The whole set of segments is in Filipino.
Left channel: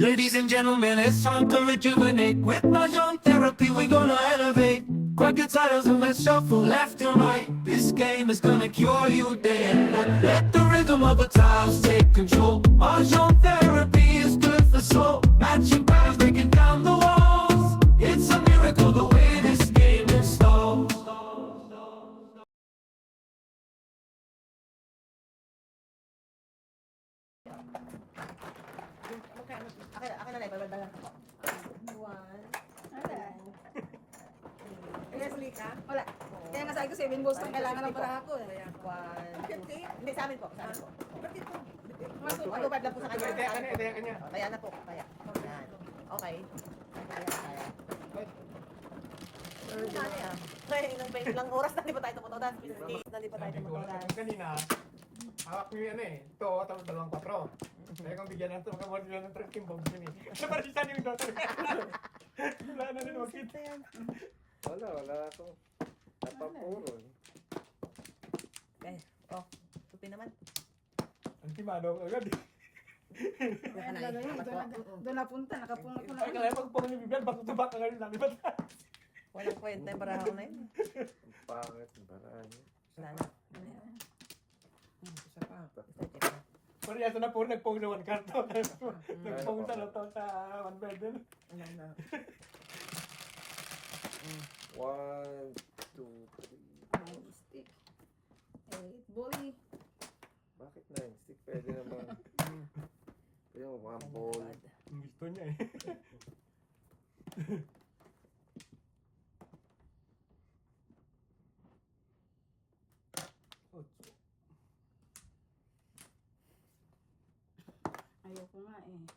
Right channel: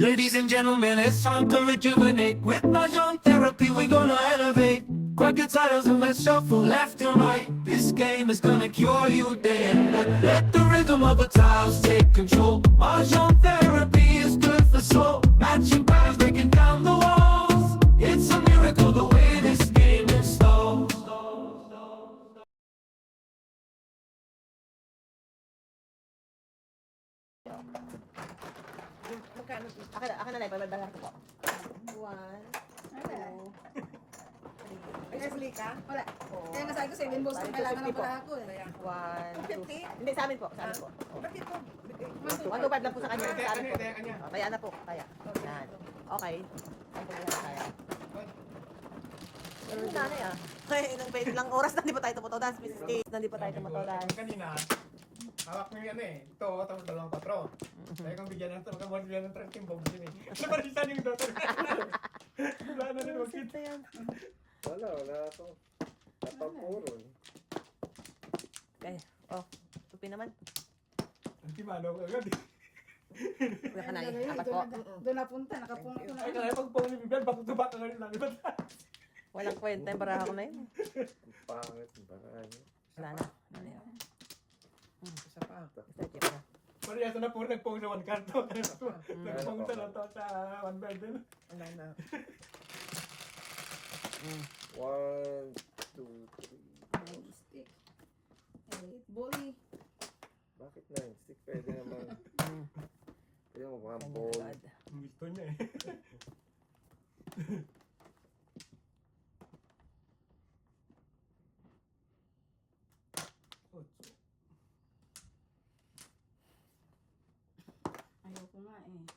Ladies and gentlemen, it's time to rejuvenate. With Mahjong therapy, we're gonna elevate. Grab your titles and let's shuffle left and right. This game is gonna cure you day and night. Let the rhythm of the tiles take control. Mahjong therapy is good for soul. Matching patterns, breaking down the walls. It's a miracle the way this game installs. Magkano? Akin na lang, babadala ko. 1, 2, Leslie ka? Wala. Kaya nga sabi ko, 7 balls kung kailangan lang pala ako eh. Kaya 1, 2. Hindi, sa amin po. Sa amin po. Bakit po? Matubad lang po sa kanya. Kanya. Kaya na po. Kaya. Yan. Okay. Pero dami ah. Ilang oras na di pa tayo tumutodas. Biscuit na di pa tayo tumutodas. Kanina, hawak ko yung ano eh. Ito, tapos dalawang patro. Kaya kung bigyan natin, makamod bigyan ng 13 bombs yun eh. Naparisitan yung daughter. Wala na rin makita yan. Wala ako. Napapuro eh. Okay. Oh. Tupi naman. Antimano ko agad eh. Kuya Kanay. Apat po. Doon napunta, nakapunta ko na. Ay, kaya pag pong Bibian, back to back ka ngayon lang. Walang kwenta yung baraha ko na yun. Ang pangit ng paraan niya. Wala na. Ano yun? Isa pa. Isa check na. Parehas na po, nagpong na one card. Nagpong sa nato sa one bed din. Wala na. 1, 2, 3. Stick. 8 ball. Bakit 9 stick? Pwede naman. Pwede mo mga ball. Gusto niya eh. Ayoko nga eh.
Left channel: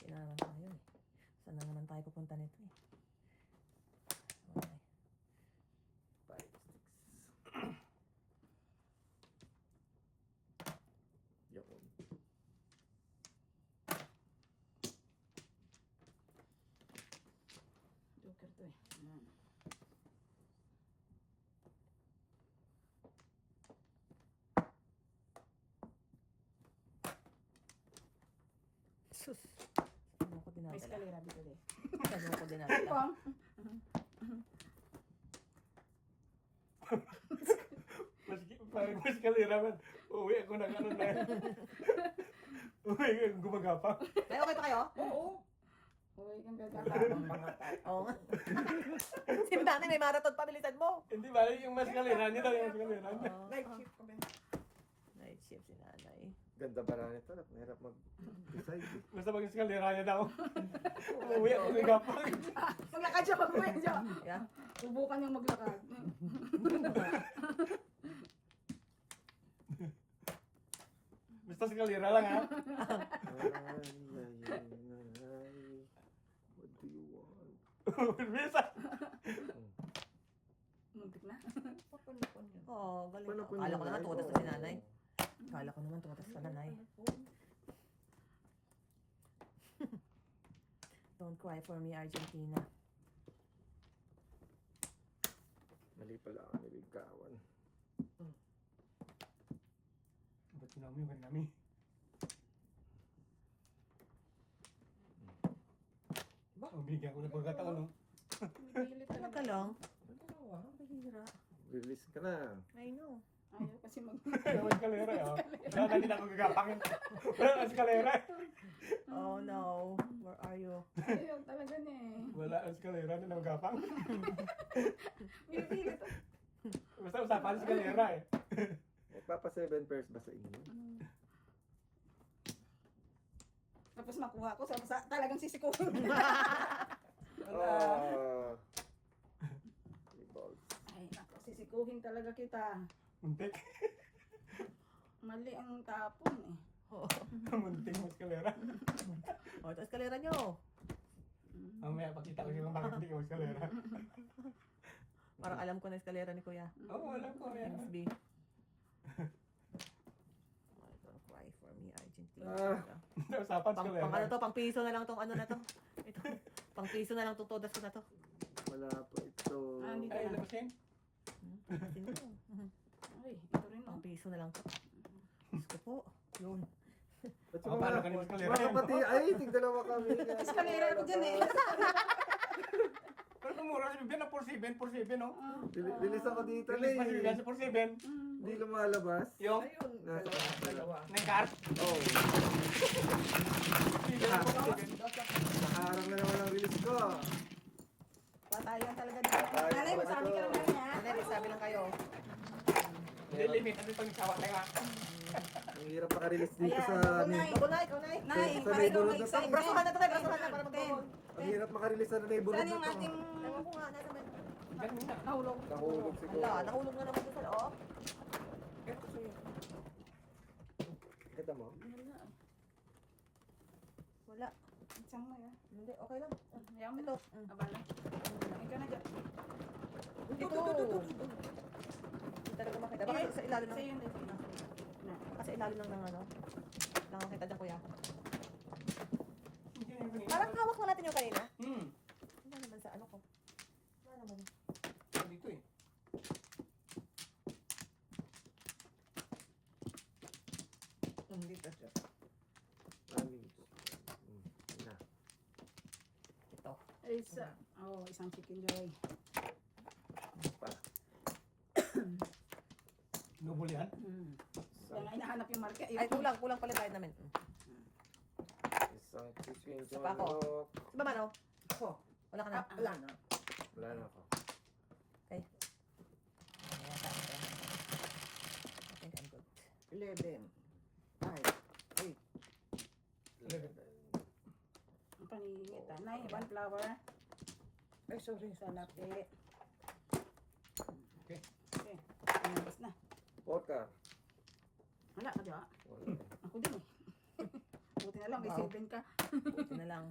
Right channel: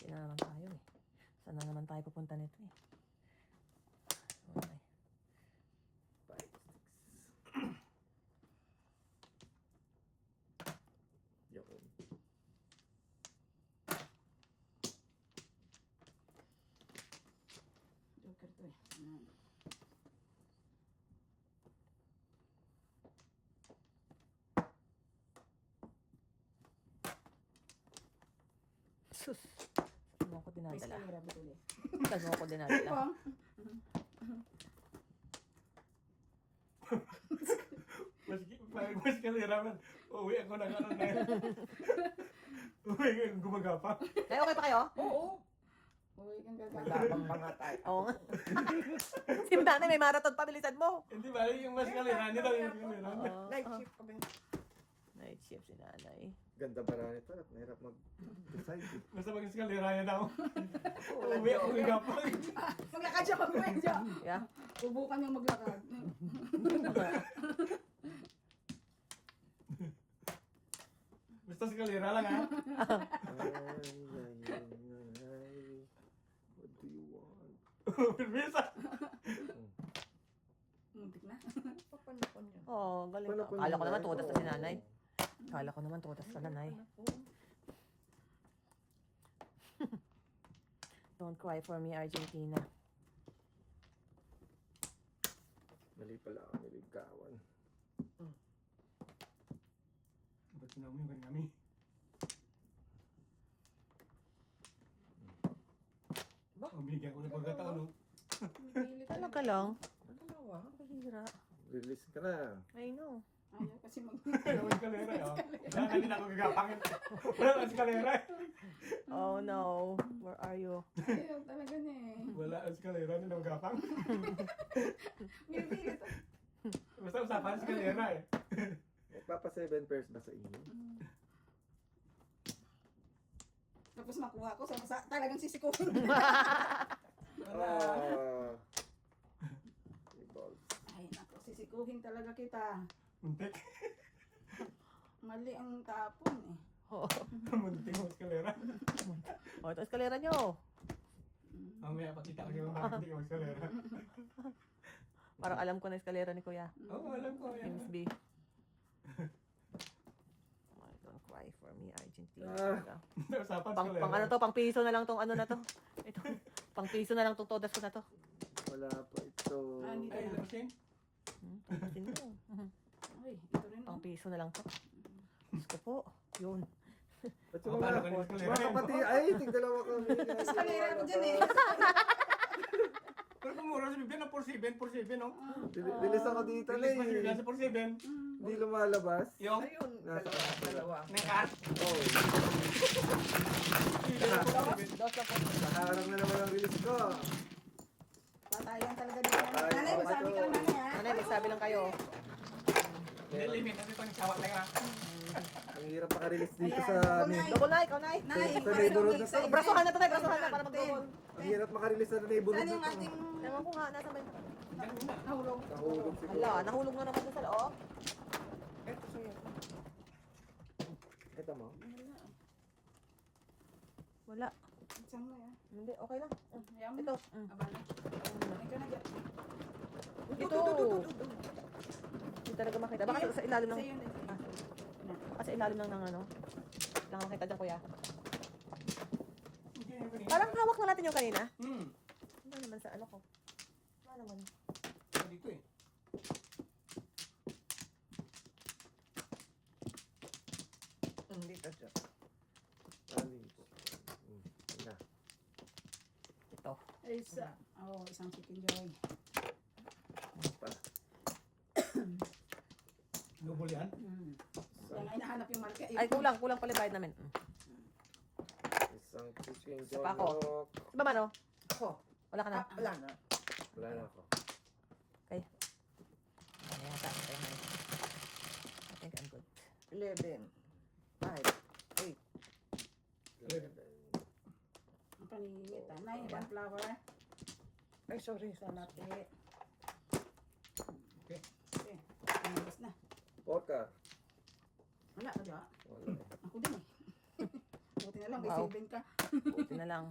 Kaya naman tayo eh. Saan na naman tayo pupunta nito eh. Okay. 5, 6. Yun. Joker to eh. Sus. Saan ako May dinadala? eskalera bigay. Saan ako dinadala? Pang. Mas kalira man. Uwi ako ng ano na yun. Uwi ko yung gumagapang. Kaya okay pa kayo? Oo. Uy, kang gagawin. Tabang mga tayo. Oo nga. Si Dani may marathon pa, bilisan mo. Hindi ba? Yung mas kalira niya daw yung kalira. Night shift pa ba? Night shift si nanay. Ganda ba na nito? Mahirap mag-decide eh. Basta pag yung kalira niya daw. Uwi ako gumagapang. Maglakad siya, maglakad siya. Yeah. Subukan niyang maglakad. Basta si kalira lang ha. What do you want? Bisa. Muntik na. Oh, galing. Paano kung Akala ko naman nanay? tutas na si nanay. Akala ko naman tutas na nanay. Don't cry for me, Argentina. Mali pala ako niligawan. Ba't naman yung kami? Ang bigyan ko ng pagkataon no? Ano ka lang? Pahira. Release ka na. I know. Ayaw kasi mag... Ang kalera oh. Wala na din ako gagapangin. Wala ang kalera. Oh no. Where are you? Ayaw talaga niya eh. Wala ang kalera din ako gapang. Pinipilit. Basta usapan si kalera eh. Nagpapa 7 pairs ba sa inyo? Tapos nakuha ko, talagang sisikuhin. Ah. 3 balls. Ay, naku, sisikuhin talaga kita. Muntik. Mali ang tapon eh. Muntik mo kalera. Oh, ito eskalera nyo. Mamaya pakita ko yung bakit hindi ko kalera. Parang alam ko na eskalera ni Kuya. Oo, alam ko yan. James B. Don't cry for me, Argentina. Usapan si Pang kalera. ano to, pang piso na lang tong ano na to. Ito. Pang piso na lang tong todas ko na to. Wala pa ito. Ah, hindi Ay, ka alam mo siya? Hindi. Ay, issue na lang to. Gusto po. Yun. At yung mga kapatid, ay, tigdalawa kami. Kasi kanina ako dyan eh. Pero kung mura sa bibigyan ng 4-7, no? Bilis ako dito na Release pa siya eh. sa 4-7. Hindi lumalabas. Yung, Ayun. Nasa Dalawa. may card. Oh, nakaharap na naman ang release ko. Patayan talaga dito. Patayan Nanay, talaga sabi to. ka lang namin ha. Ano, sabi lang kayo. Hindi limit. Kasi pag nagsawa ka. Ang hirap makarelease dito Ayan, sa ako, ano. Nay. Ikaw, Nay, ikaw, Nay. Nay, Sa neighborhood na to. excited. Brasuhan na to, Nay. Brasuhan na para magdoon. Ang hirap makarelease sa neighborhood Saan na yung to. ating Ewan ko nga, nasa may... Ano yun na? nahulog? Nahulog siguro. Wala, nahulog nga naman doon sa loob. Ito sa'yo. Kita mo? Wala. Saan mo yan? Hindi, okay lang. Ayaw mo? Ito. Abala. Ikaw na dyan. Ito. Hindi talaga makita. Baka sa ilalim ng... Kasi yun eh. Sa ilalim ng ano. Lang makita dyan, kuya. Hindi yung kanina. Parang hawak na natin yung kanina. Ano naman sa ano ko? Ano naman? Dito eh. Hindi ka siya. Na. Ito. Isa. Oh, isang chicken joy. Pa. Lubol yan. Yan ay nahanap yung market. Ay, kulang pala bayad namin. Isang chicken Isa pa joy ako. manok. Diba ba no? Ako. Wala ka na? Wala na. Wala na ako. Okay. I think I'm good. 11, 5, 8. Ang panginit. Nay, one flower. Ay, sorry. Salate. Okay. Okay. Ayos na. Vodka. Wala ka diba? Wala eh. Ako din eh. Buti na lang, may Wow. saving ka. Buti na lang.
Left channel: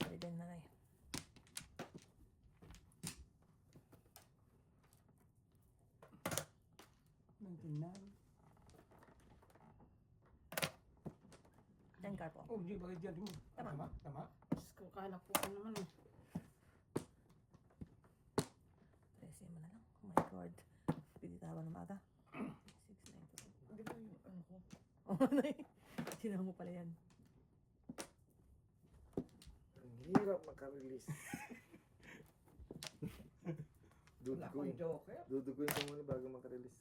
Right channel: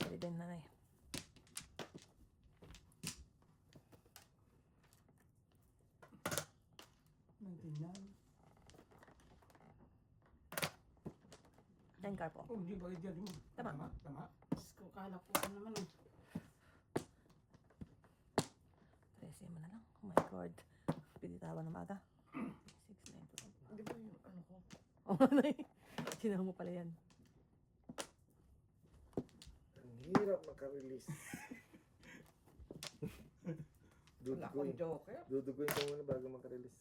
Pwede na eh. Thank God po. Oh, hindi ba dyan yun? Tama. Tama. Diyos ko, kala ko ano naman eh. Presi mo na lang. Oh my God. Pinitawan ng maga. 6, 9, Di ba yung ano ko? Oh, sinama mo pala yan. Ang hirap makarelease. Wala akong Duduguin. joker. Duduguin ko muna bago makarelease.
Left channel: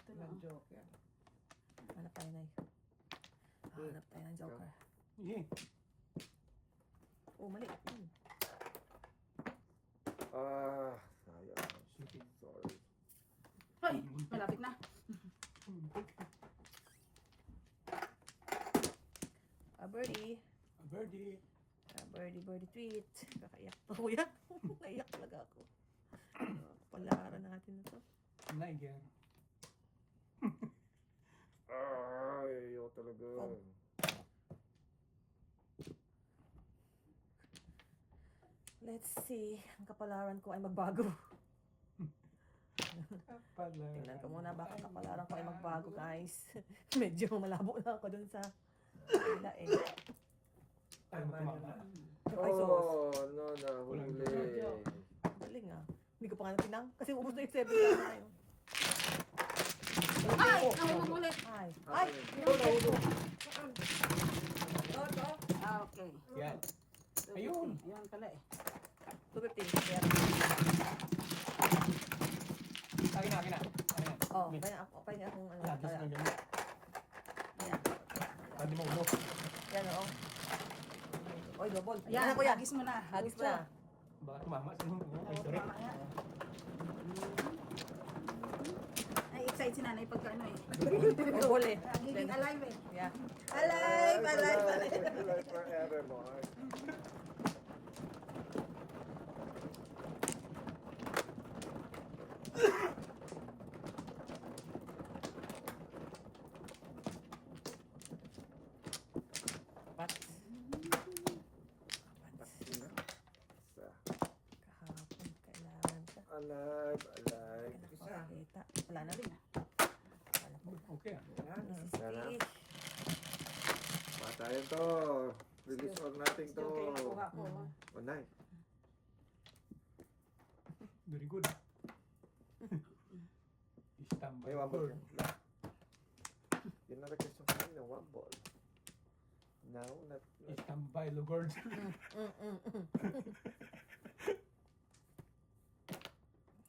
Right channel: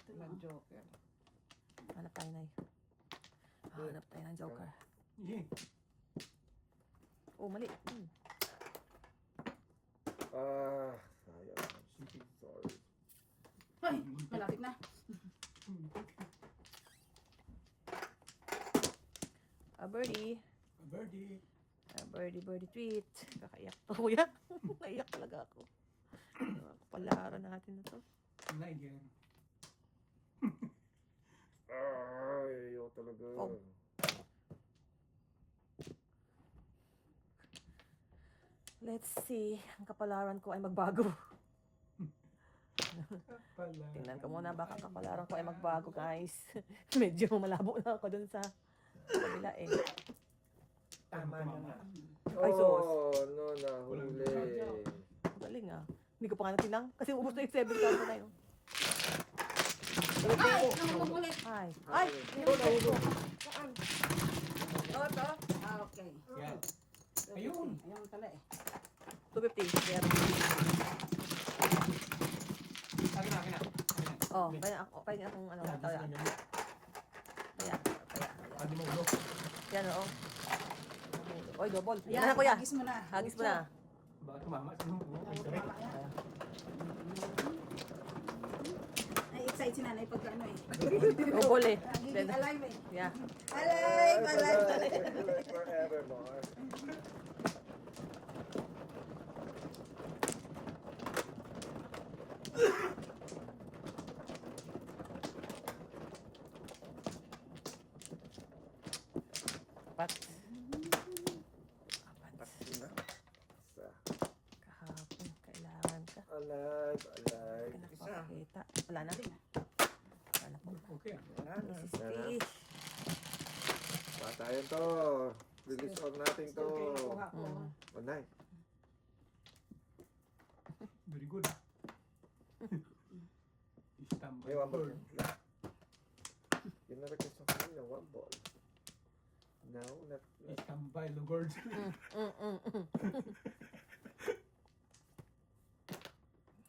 Ito lang. Walang joker. Hanap tayo na eh. Hanap tayo ng joker. Yeah. Oh, mali. Sayang. Sorry. Ay, malapit na. A birdie. Birdie. A birdie tweet. Kakaiyak to, kuya. Naiyak talaga ako. Palaran natin na to. Wala yan. Ay, ayaw talaga. Oh. Let's see. Ang kapalaran ko ay magbago. Tingnan ko muna baka kapalaran ko ay magbago, guys. Medyo malabo na ako dun sa kabila eh. Tama na. Ay, sus. Oh, no, nahuli. Galing ah. Hindi ko pa nga natinang. Kasi ubus na yung 7 na tayo. Ay, nahulog ulit. Ay. Ay, Nahulog. Ah, okay. Yan. Ayun. Ayun pala eh. 250. Kaya, Akin na. oh, kaya ako, pwede akong ano, ito yan. Yan. Sabi mo, bro. Yan ako. Oy, double. Ayan, Yan ako yan. hagis mo na. Hagis mo na. Baka tumama. Sabi mo, Oo, tama yan. Ay, excited si nanay pagka ano eh. Double eh. Nagiging alive eh. Yeah. Alive, alive. Alive forevermore. Pat. Pati na. Isa. Kahapon, kailangan ka. Alive, alive. Nakakita. Wala na rin. okay. Wala na. Sana. Please. Patayan to. Release on natin to. Kuha ko. Onay. Very good. Standby. May one ball yan. Yun na request yung kanina, one ball. Now, not... Standby, Lugord.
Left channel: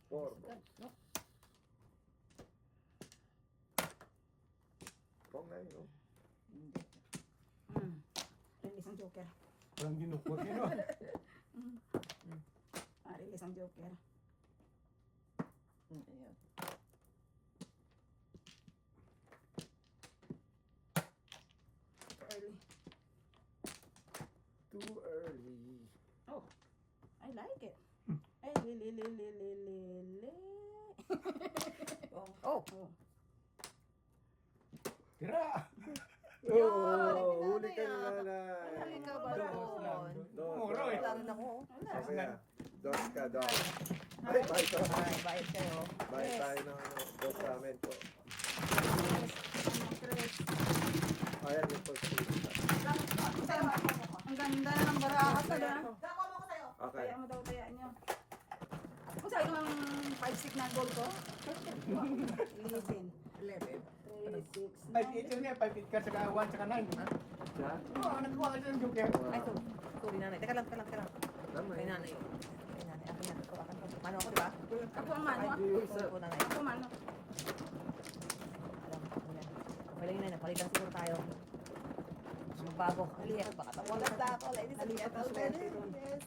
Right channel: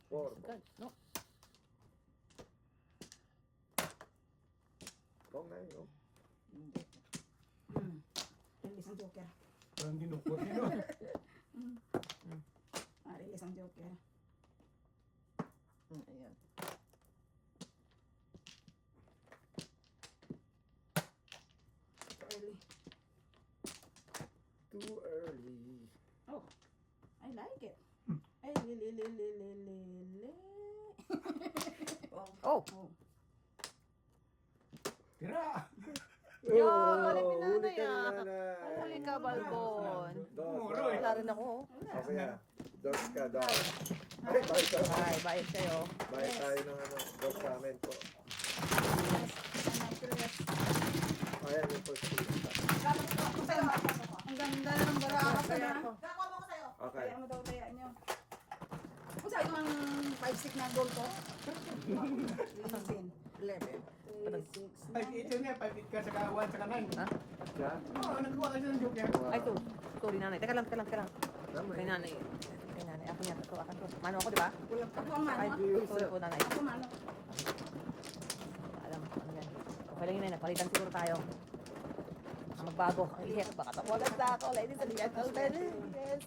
Four balls. No. Wrong na yun, no? Hindi. Release ang joker. Walang dinukot yun, no? Release ang joker. Ayan. Early. Too early. Oh, I like it. Ay, li. Oh, Oh, Oh, Tira! Oh, huli huli ka ka na na, nanay. huli ka, Balbon. Dos, Muro, dos. Wala rin ako. Okay, ah. Dos ka, dos. Ay, bye ka. Ay, bait kayo. Bye tayo ng ano, dos sa amin po. Ayan yung first piece. Ako sa'yo, ako. Ang ganda ng barakas ko na. Gawa mo ko sa'yo. Okay. Kaya mo daw kaya nyo. Kung sa'yo ang 5-stick na gold ko? Lilisin. 11. 3, 6, 5-8 yun nga, 5-8 ka, saka 1, saka 9. Siya? Oo, nagkuha ka siya ng joker. Ay, sorry nanay. Teka lang. Tama Sorry yun. nanay. Ay, nanay. Ako yan. Mano ako, di ba? Ako ang mano. Hindi yung isa. Ako, nanay. Ako mano. Alam mo, yan. Okay lang yun, nanay. Palitan siguro tayo. Magbago. Iya, baka tawagan na ako. Ladies and gentlemen. Yes.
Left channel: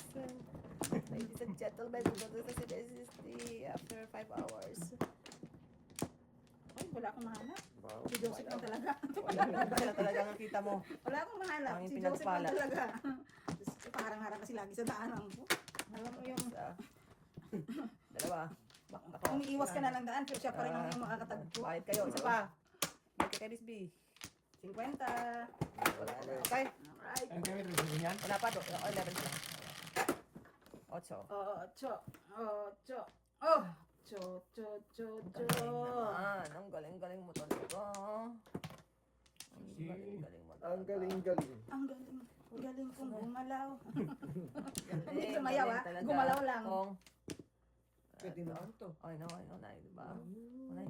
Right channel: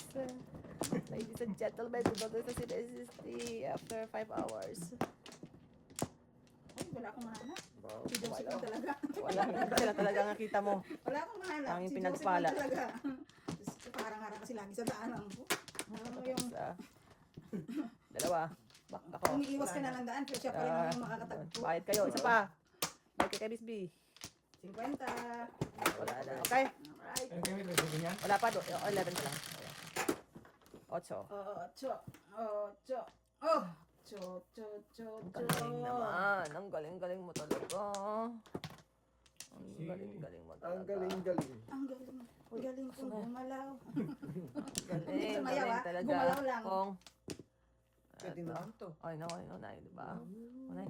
Ladies and gentlemen, bago sa CSST after 5 hours. Ay, wala akong mahanap. Wow. Si Joseph lang talaga. Wala sila talaga nakita mo. Wala akong mahanap. Ang Si Joseph pinagpala. lang talaga. Parang-harang kasi lagi sa daan lang po. Alam mo yung Sa dalawa. Bak ako. umiiwas ka na lang daan, pero siya pa rin yung makakatagpo. Bayad kayo. Isa pa. Bayad kay Miss B. 50. Wala na. Okay. Alright. Ang gamit mo, sabi nga. Wala pa. 11 na lang. 8. Ocho. Oh! Cho. Galing naman. Ang galing-galing mo talaga. Ang galing-galing mo talaga. Ang galing-galing. Ang galing. Galing kong gumalaw. Galing, Hindi sumayaw, galing ah. talaga. Gumalaw lang. Kung, pwede naman to. I know, Nay. Diba? Nay.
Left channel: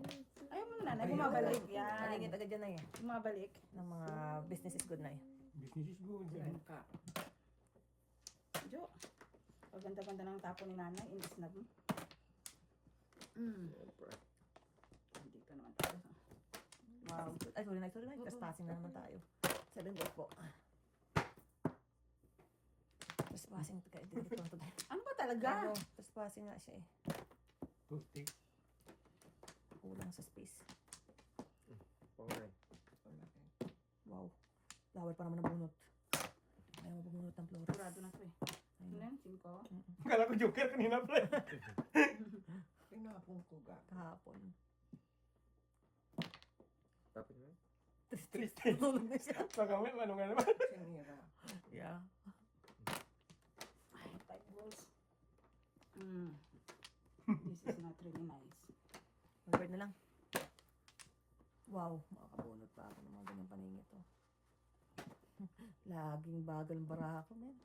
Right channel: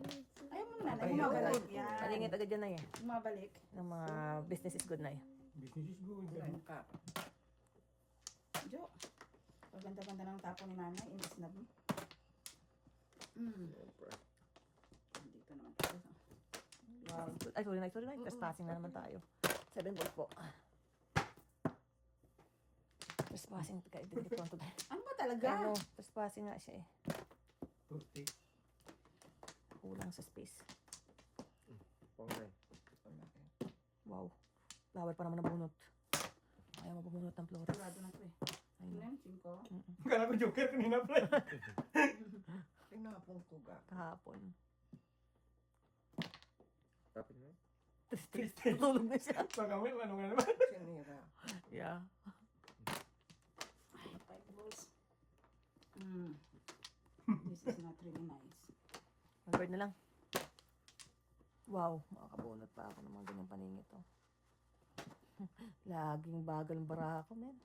Ayaw mo na, bumabalik. Yan. Malingit agad yan, Nay. Bumabalik. Ng mga business is good, Nay. Business is good. Ayan ka. Jo. Paganda-ganda ng tapo ni nanay. Inis na mo. Siyempre. Hindi pa naman tayo. Ay, sorry, Nay. Trespassing na naman tayo. 7 balls po. Trespassing. Dito ko tayo. Ano ba talaga? Ano, trespassing nga siya eh. Birthday. Kulang sa space. Pangay. Wow. Flower pa naman ang bunot. Ayaw mo bumunot ng flores. Sigurado na ito eh. Ano Ayun. yan? 5? Kala ko joker kanina pa. Tinapong ko ga. Kahapon. Tapos na. Tulog na siya. Pagawin, ano nga naman. Sinira. Yeah. Ay, 5 balls. This is not really nice. Mag-bird na lang. Wow. Makakabunot pa ako ng mga ganyang paningit. Oh. Laging bagal ang bara ako, men.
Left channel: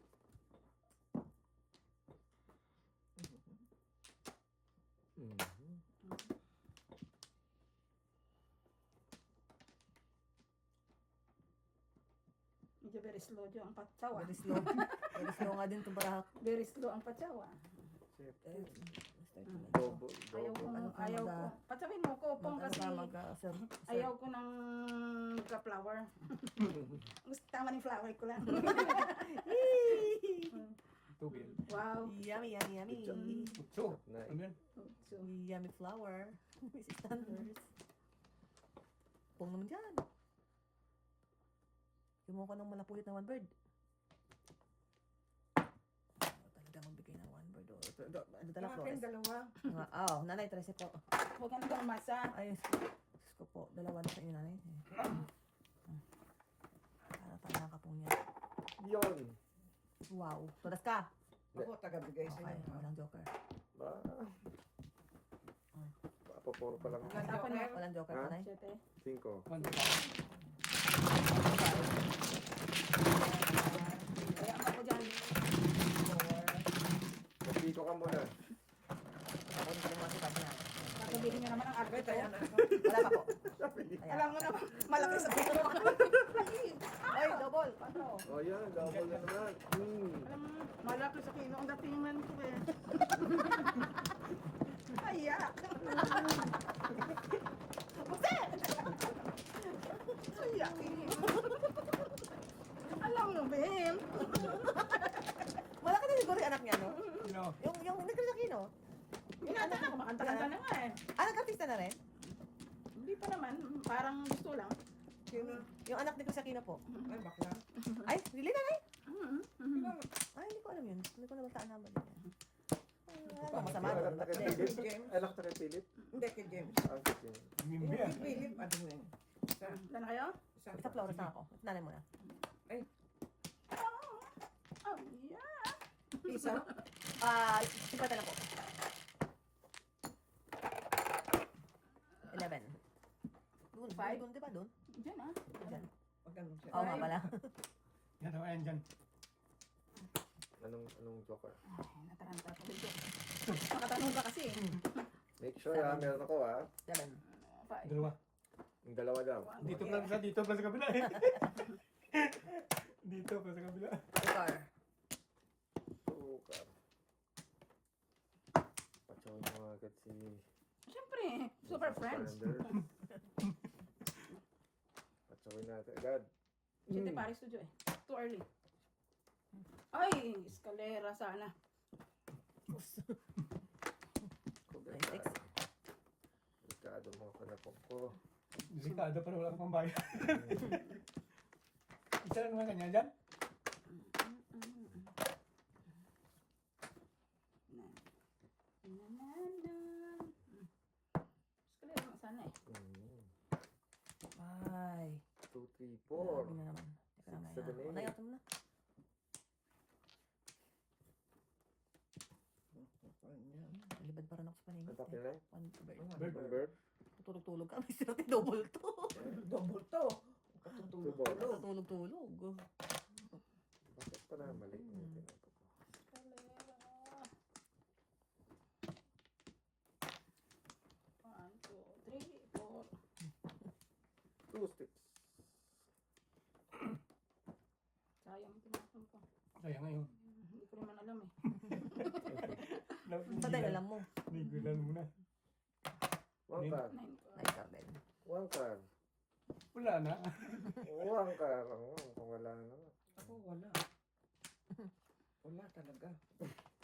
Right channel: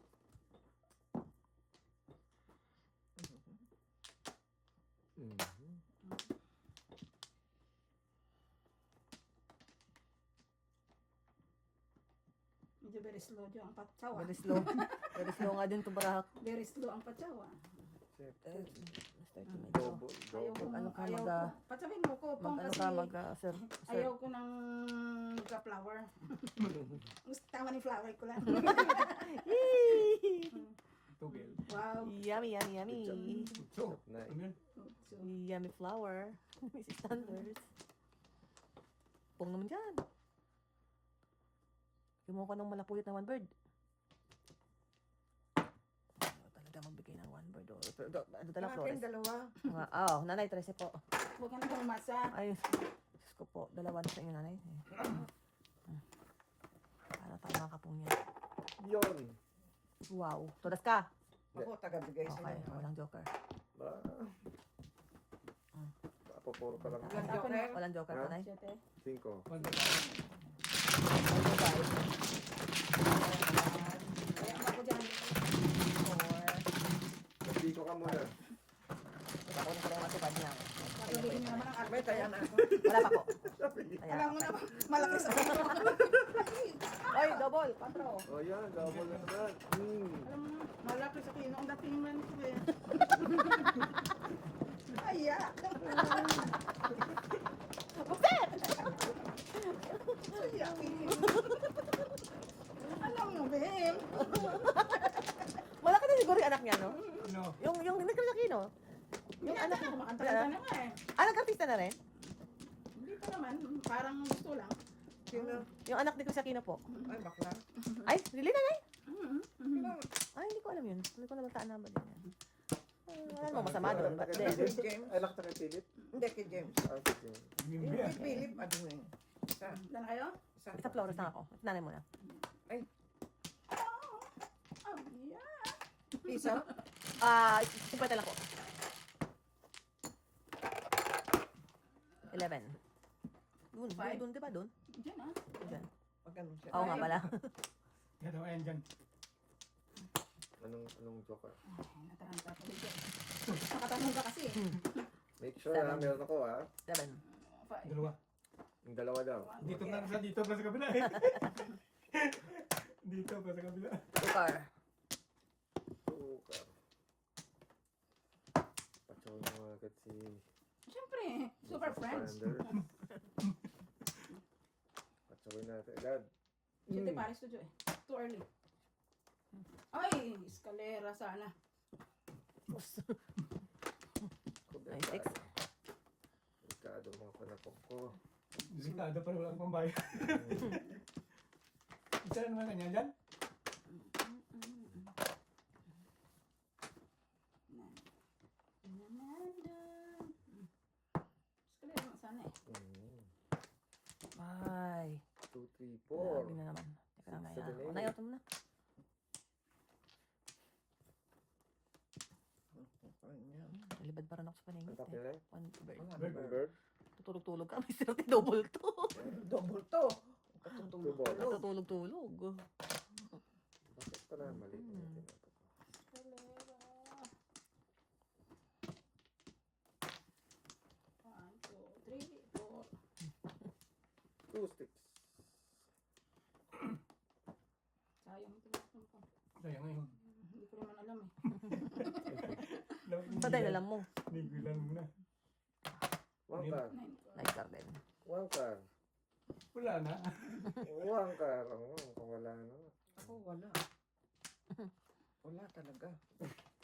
Medyo very slow jo ang patsawa. Very slow. Very slow nga din itong bara ako. Very slow ang patsawa. Siyempre. Medyo. Double. Ayaw ko, Ano ka ayaw ko. mag- Patsawin mo ko pong Ano kasi ka sir? ayaw ko ng magka-flower. Gusto tama ni flower ko lang. Tugil. Wow. Yummy, yummy, yummy. So, Na. ano yun? So, Yummy flower. Mrs. Sanders. Pong naman dyan. Kumuha ka ng malapuyot na one bird. Talaga magbigay ng one bird. Oh. Ano tala Akin flores? dalawa. Nanay, 13 po. huwag ka na umasa. Ay, Diyos ko po. Dalawa na sa inyo, nanay. Ano tama ka pong yan? Yun. Wow. Tulas ka. Ako taga-bigay sa Okay, inyo. walang joker. Ba. Papapuro pa lang. Walang Ako na. joker. Walang joker, Ha? nanay. 7. 5. Kaya ako dyan. Pagpiko ka muna. Parang hindi na nakita niya. Sabihin niyo naman ang May arbit. taya na ako. Wala pa po. Ayan. Alam mo na, malaki sa iyo. Ay, double. 4. Oh, yan. Double na naman. Alam mo, malaki sa kino. Ang dating man ko eh. Ay, yeah. Ay, yeah. Alam mo, Bim. Malaki na siguro yung anak niya, no? Sino? Yung nagkalaki, no? Yung anak ko, makantakan na nga eh. Ah, nag-artista na rin? Hindi pa naman, parang gusto lang. Yung anak ni Kusakino po. Ay, bakla. Ay, really na, Nay? Mhm. Ay, hindi ko alam yun. Hindi ko naman taan naman din. Wala naman masama Anak doon. na kay Hindi. Philip? James. Anak na kay Philip? Hindi, kay James. Ah, si James. Yung Mimbi kay Philip, ano yun? Isa. Dan kayo? Isa Isa pa. Flores na ako. Nanay mo na. Oh, yeah. Isa. Ah, 50 lang po. 11. Doon, Five? doon, di ba doon? Diyan ah. Diyan. Pag ganun siya. Oo nga pala. Yan o, ayan dyan. Anong joker? Ay, nataranta ko dito. Nakatamon ka kasi eh. Make sure ha, meron ako ha. 7. Five. Dalawa. Yung dalawa lang. Dito pa sa dito pa sa kabila eh. Dito pa sa kabila. Tukar. Tukar. Patsawin mo agad si Siyempre, super friends. Sander. Patsawin natin agad. Hindi Paris studio eh. Too early. Ay, eskalera sana. Kubekado. Kubekado mga panapok ko. Delikado pa wala kang pambayad. Isa na naman ganyan dyan. Eskalera nga sana eh. Ay. 2, 3, Grabe 4. na naman. Teka lang, Six, seven, Naya. eight. Naya, ito na. Nalibad pa rin ako sa paningin. Ang tapin na eh. One bird. One bird. Tutulog-tulog ka. May sirati double to. Double to. Two balls. Tutulog-tulog. Bakit pa na mali? Yung tinapos ko. Eskalera. 1, 2, 3, 4. 2 sticks. Sayang ito na ko. Kaya ngayon. Hindi ko naman alam eh. Patay na lang mo. Bigilan mo na. One card. 9 ko. Nice card din. One card. Wala na. One card. Oh, kung wala na. Ako, wala. Wala talaga.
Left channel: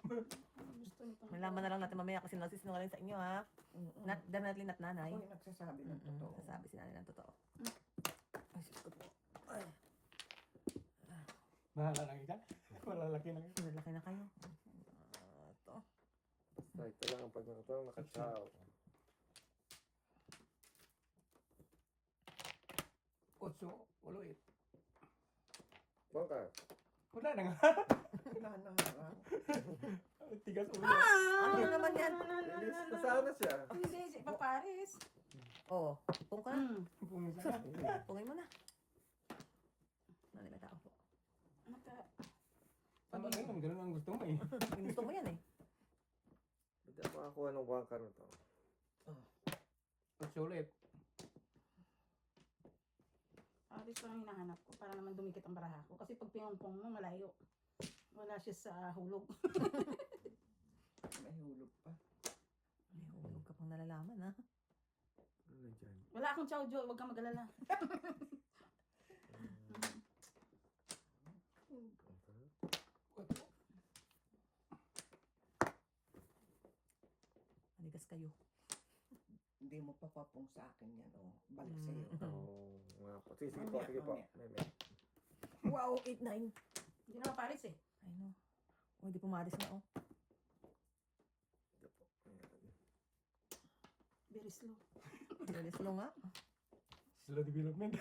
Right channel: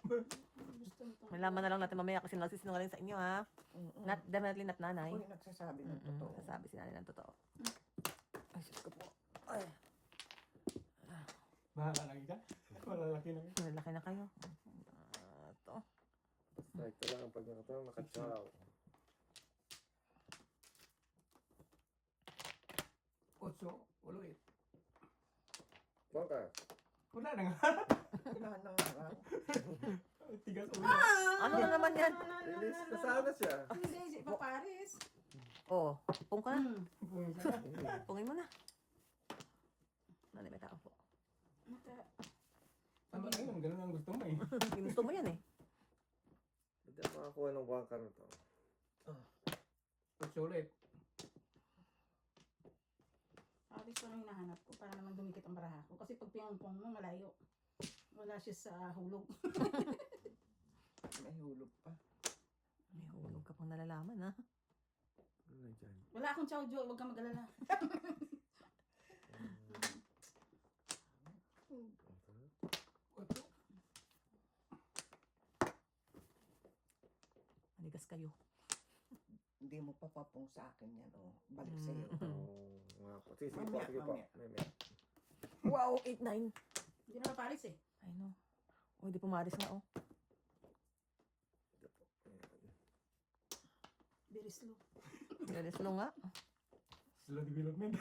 Gusto nito. Malaman na lang natin mamaya kasi nagsisinungaling sa inyo ha. Not, definitely not nanay. Ako yung nagsasabi ng totoo. Sasabi si nanay ng totoo. Ay, sus ko po. Ay, Makakarami ka. Malalaki na ka. malaki na kayo. Ito. Basta ito lang ang pag nakatawang nakachaw. Otso, walo eh. One card. Wala na nga. Wala na nga. Tigas ulo. Ano naman yan? Release. Nasaan na siya? Hindi, si Paparis. Oh, pung ka na. Hmm. Pungin mo na. Nanay, may tao po. Tama na yun. Ganun ang gusto mo eh. Gusto mo yan eh. Hindi ako makakuha ng one card na to. Otso ulit. Paris ko lang hinahanap ko para naman dumikit ang baraha ko. Kasi pag pinongpong mo, malayo. Wala siya sa hulog. May hulog pa. May hulog ka pang nalalaman ha. Ano na dyan? Wala akong chow jo, huwag kang mag-alala. Otso. Manigas kayo. Hindi mo pa papong sa akin yan. Oh. Balik sa'yo. Oo, nga po. Sige, sige po, sige po. May. Wow, 8-9. Hindi na Paris eh. I know. Oh, hindi pumaris na oh. Ito po. Ayan. Very slow. Very slow nga. Slow development.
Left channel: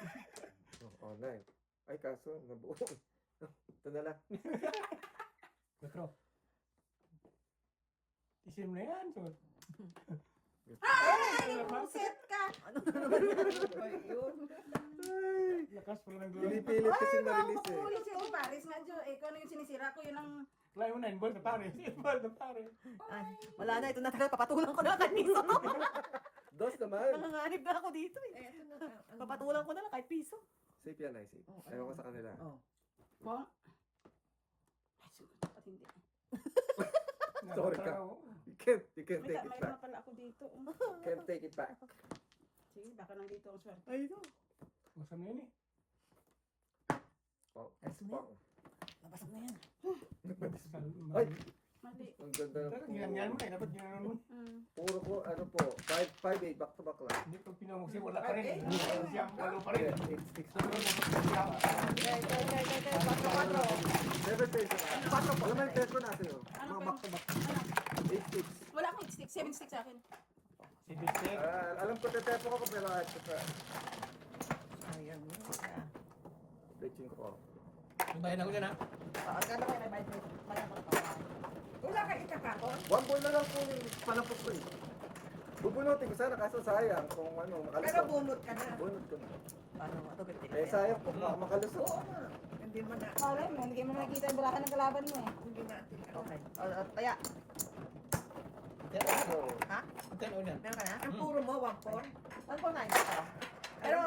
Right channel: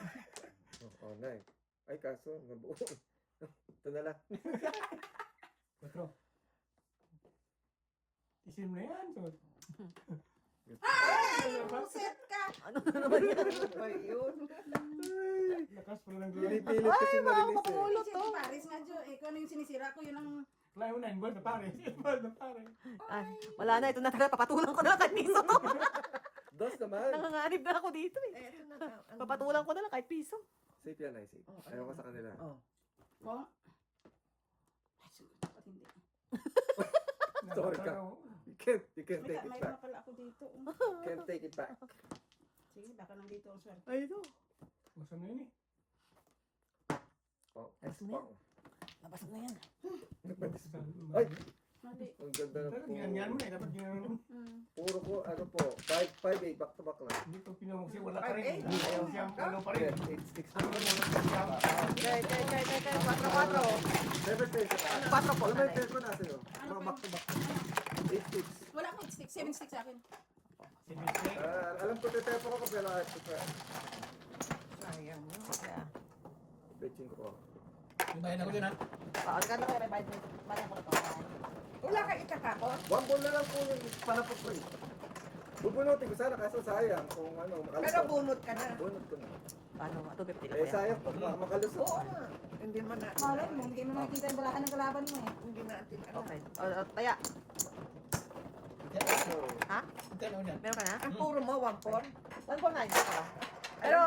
Oh, nine. Ay, kaso, nabuo. Ito na lang. Otso. Isim na yan. Sumat. Ay! Puset ka! Ano na naman yan? Ano ba yun? Lakas pa lang. Pinipilit kasi na-release eh. Ulo si Paris, medyo, eh, kung ano yung sinisira ko, yun ang Layo na, involved na pare. Involved na pare. Ay, wala na, ito na talaga, papatulan ko na lang kahit piso. Dos naman. Nanganganib na ako dito eh. Eh, ito na. Ano? Papatulan ko na lang kahit piso. Safe yan, ay safe. Oh, Ayaw ko sa kanila. Oh. Wala. Ay, siguro dapat hindi. Sorry ka. You can't May take it mayroon back. na pala ako dito. Can't take it back. Sige, baka nandito ang swerte. Ay, ito. Masam na yun eh. Oh, S-pang. Nabasag na yan. Ay! Mali. Ang ganda ng Pero ganyan mo eh, dapat ginanon mo. Puro ko, ano po, 5-8, back to back lang. Hindi pag pinamugsi, wala ka rin. Ay, Hindi ko siya ang palo pa rin. 8 sticks. Okay, 7 pesos na. Alam mo yung peso na sa'yo? Mga back to back. 8 sticks. Wala akong 8 sticks. 7 sticks sa akin. Si Mister. Alam ko, tetepo ko pero ito pa. Sayang mo. Betching ko. Ibahin ako dyan ha. Kano kaya may Wala ka itatapon? One ball na lang po yung panapot ko eh. Bubunutin ko sana kaso sayang kung ano, Pero makalusot. bunot ka na. Bunot ko na. Paano ba ito? 50 Eh sayang po, baka makalusot. Oo nga. Hindi mo na. Wala mo. Hindi mo nakikita yung balakan ng kalaban mo eh. Hindi natin. Okay. Kaya, So, ha? Ito na una. Meron ka na? Ang puro mo, 1-4. Ano po na? Pero,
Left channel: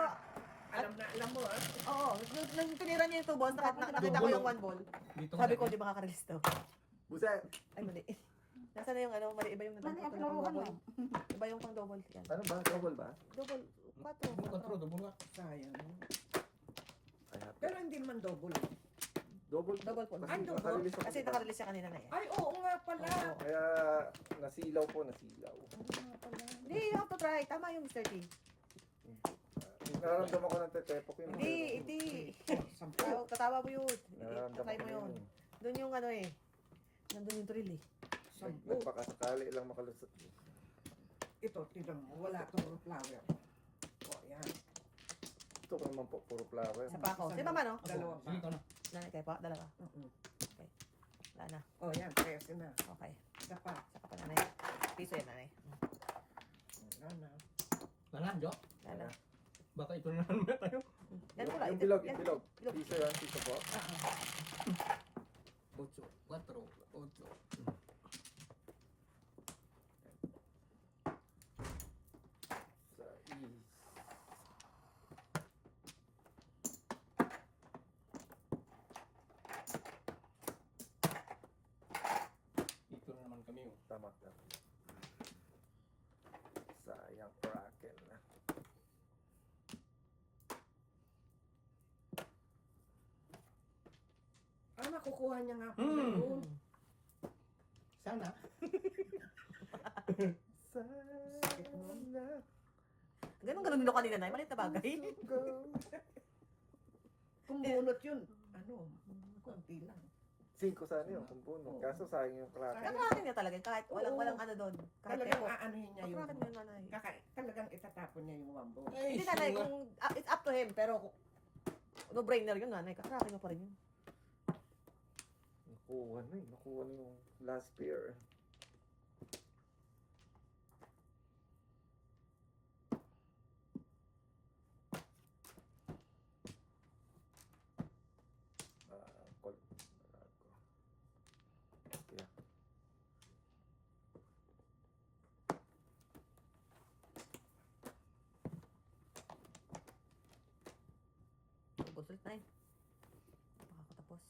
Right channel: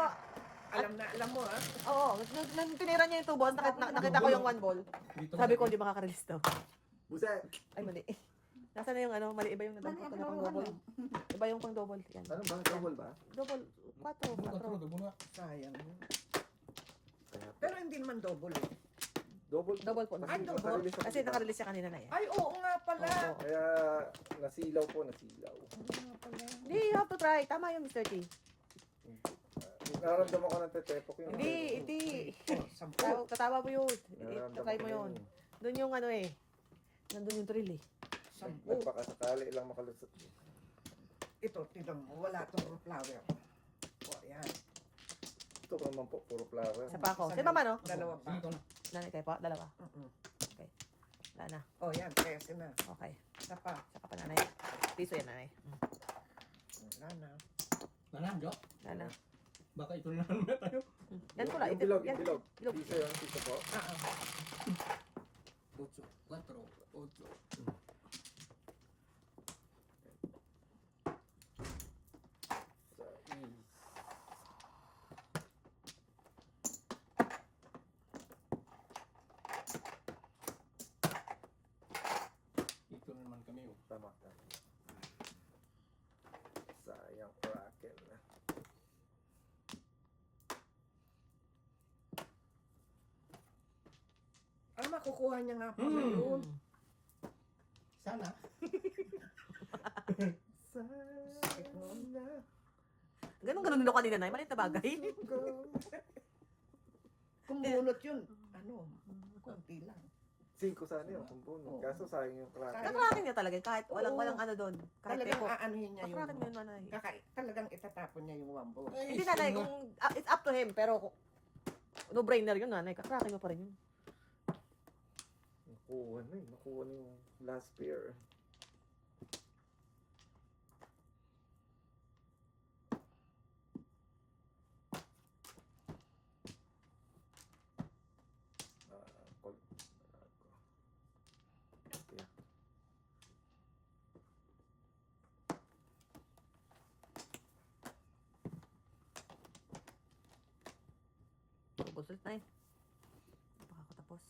Alam mo ah. oo, nung tinira niya yung 2 balls, nakita ko yung 1 ball. Dito Sabi ko, hindi makaka-release daw. buset. Ay, mali. Nasaan na yung ano, mali, iba yung Mali, nadampot ang ko na pang laro, double. Iba yung pang double. Yan. Ano ba? Double ba? Double, 4. Dubula. Sayang mo. Kaya, Pero hindi naman double eh. double. Double po. Kasi Ay, double. nakarelease ako, Kasi diba? nakarelease siya kanina na eh. Ay, oo nga pala. Kaya nasilaw po, nasilaw. Oo nga pala. Hindi, you have to try. Tama yung Mr. T. Nararamdaman ko ng tetepok yun. Hindi. Oh, 10. Katawa mo yun. Nararamdaman Try ko mo yun. yun. Doon yung ano eh. Nandun yung thrill eh. 10. Nagpakasakali lang makalusot. Ito, tignan mo. Wala itong flower. O, yan. Ito ko naman po, puro flower. Isa pa ako. Si mama no? Dalawa pa. Dito na. Nanay kayo po? Dalawa. Oo. Wala na. O, yan. Pwede na. Okay. Isa pa. Isa pa pa nanay. Piso yan nanay. Wala na. Nalan, Jo. Wala na. Baka ito na naman tayo. Yan po na. Yung bilog, Yan. yung bilog. Bilog. Piso yun, piso po. 8, 4, 8. Sa is. Dito na naman kami. Oh. Tama ka. Sayang bracket na. Ah, makukuha niya nga po Hmm. yun. Sana. Sana. Ganun din ako kanina nanay. Maliit na bagay. Kung bunot yun, ano, konti lang. 5 sana yun kung puno. Kaso sayang yung bracket. Kakarakin niya talaga. Kahit walang ano doon. Kahit Talagang eko. aanuhin niya yung... Kakarakin niya nanay. Talagang itatapon niya yung wambo. Hindi nanay. It's up to him. Pero no-brainer yun nanay. Kakarakin mo pa rin yun. Nakuha na eh. Nakuha na yung last pair. Call. Yeah. Ubus ulit nay. Baka ako tapos.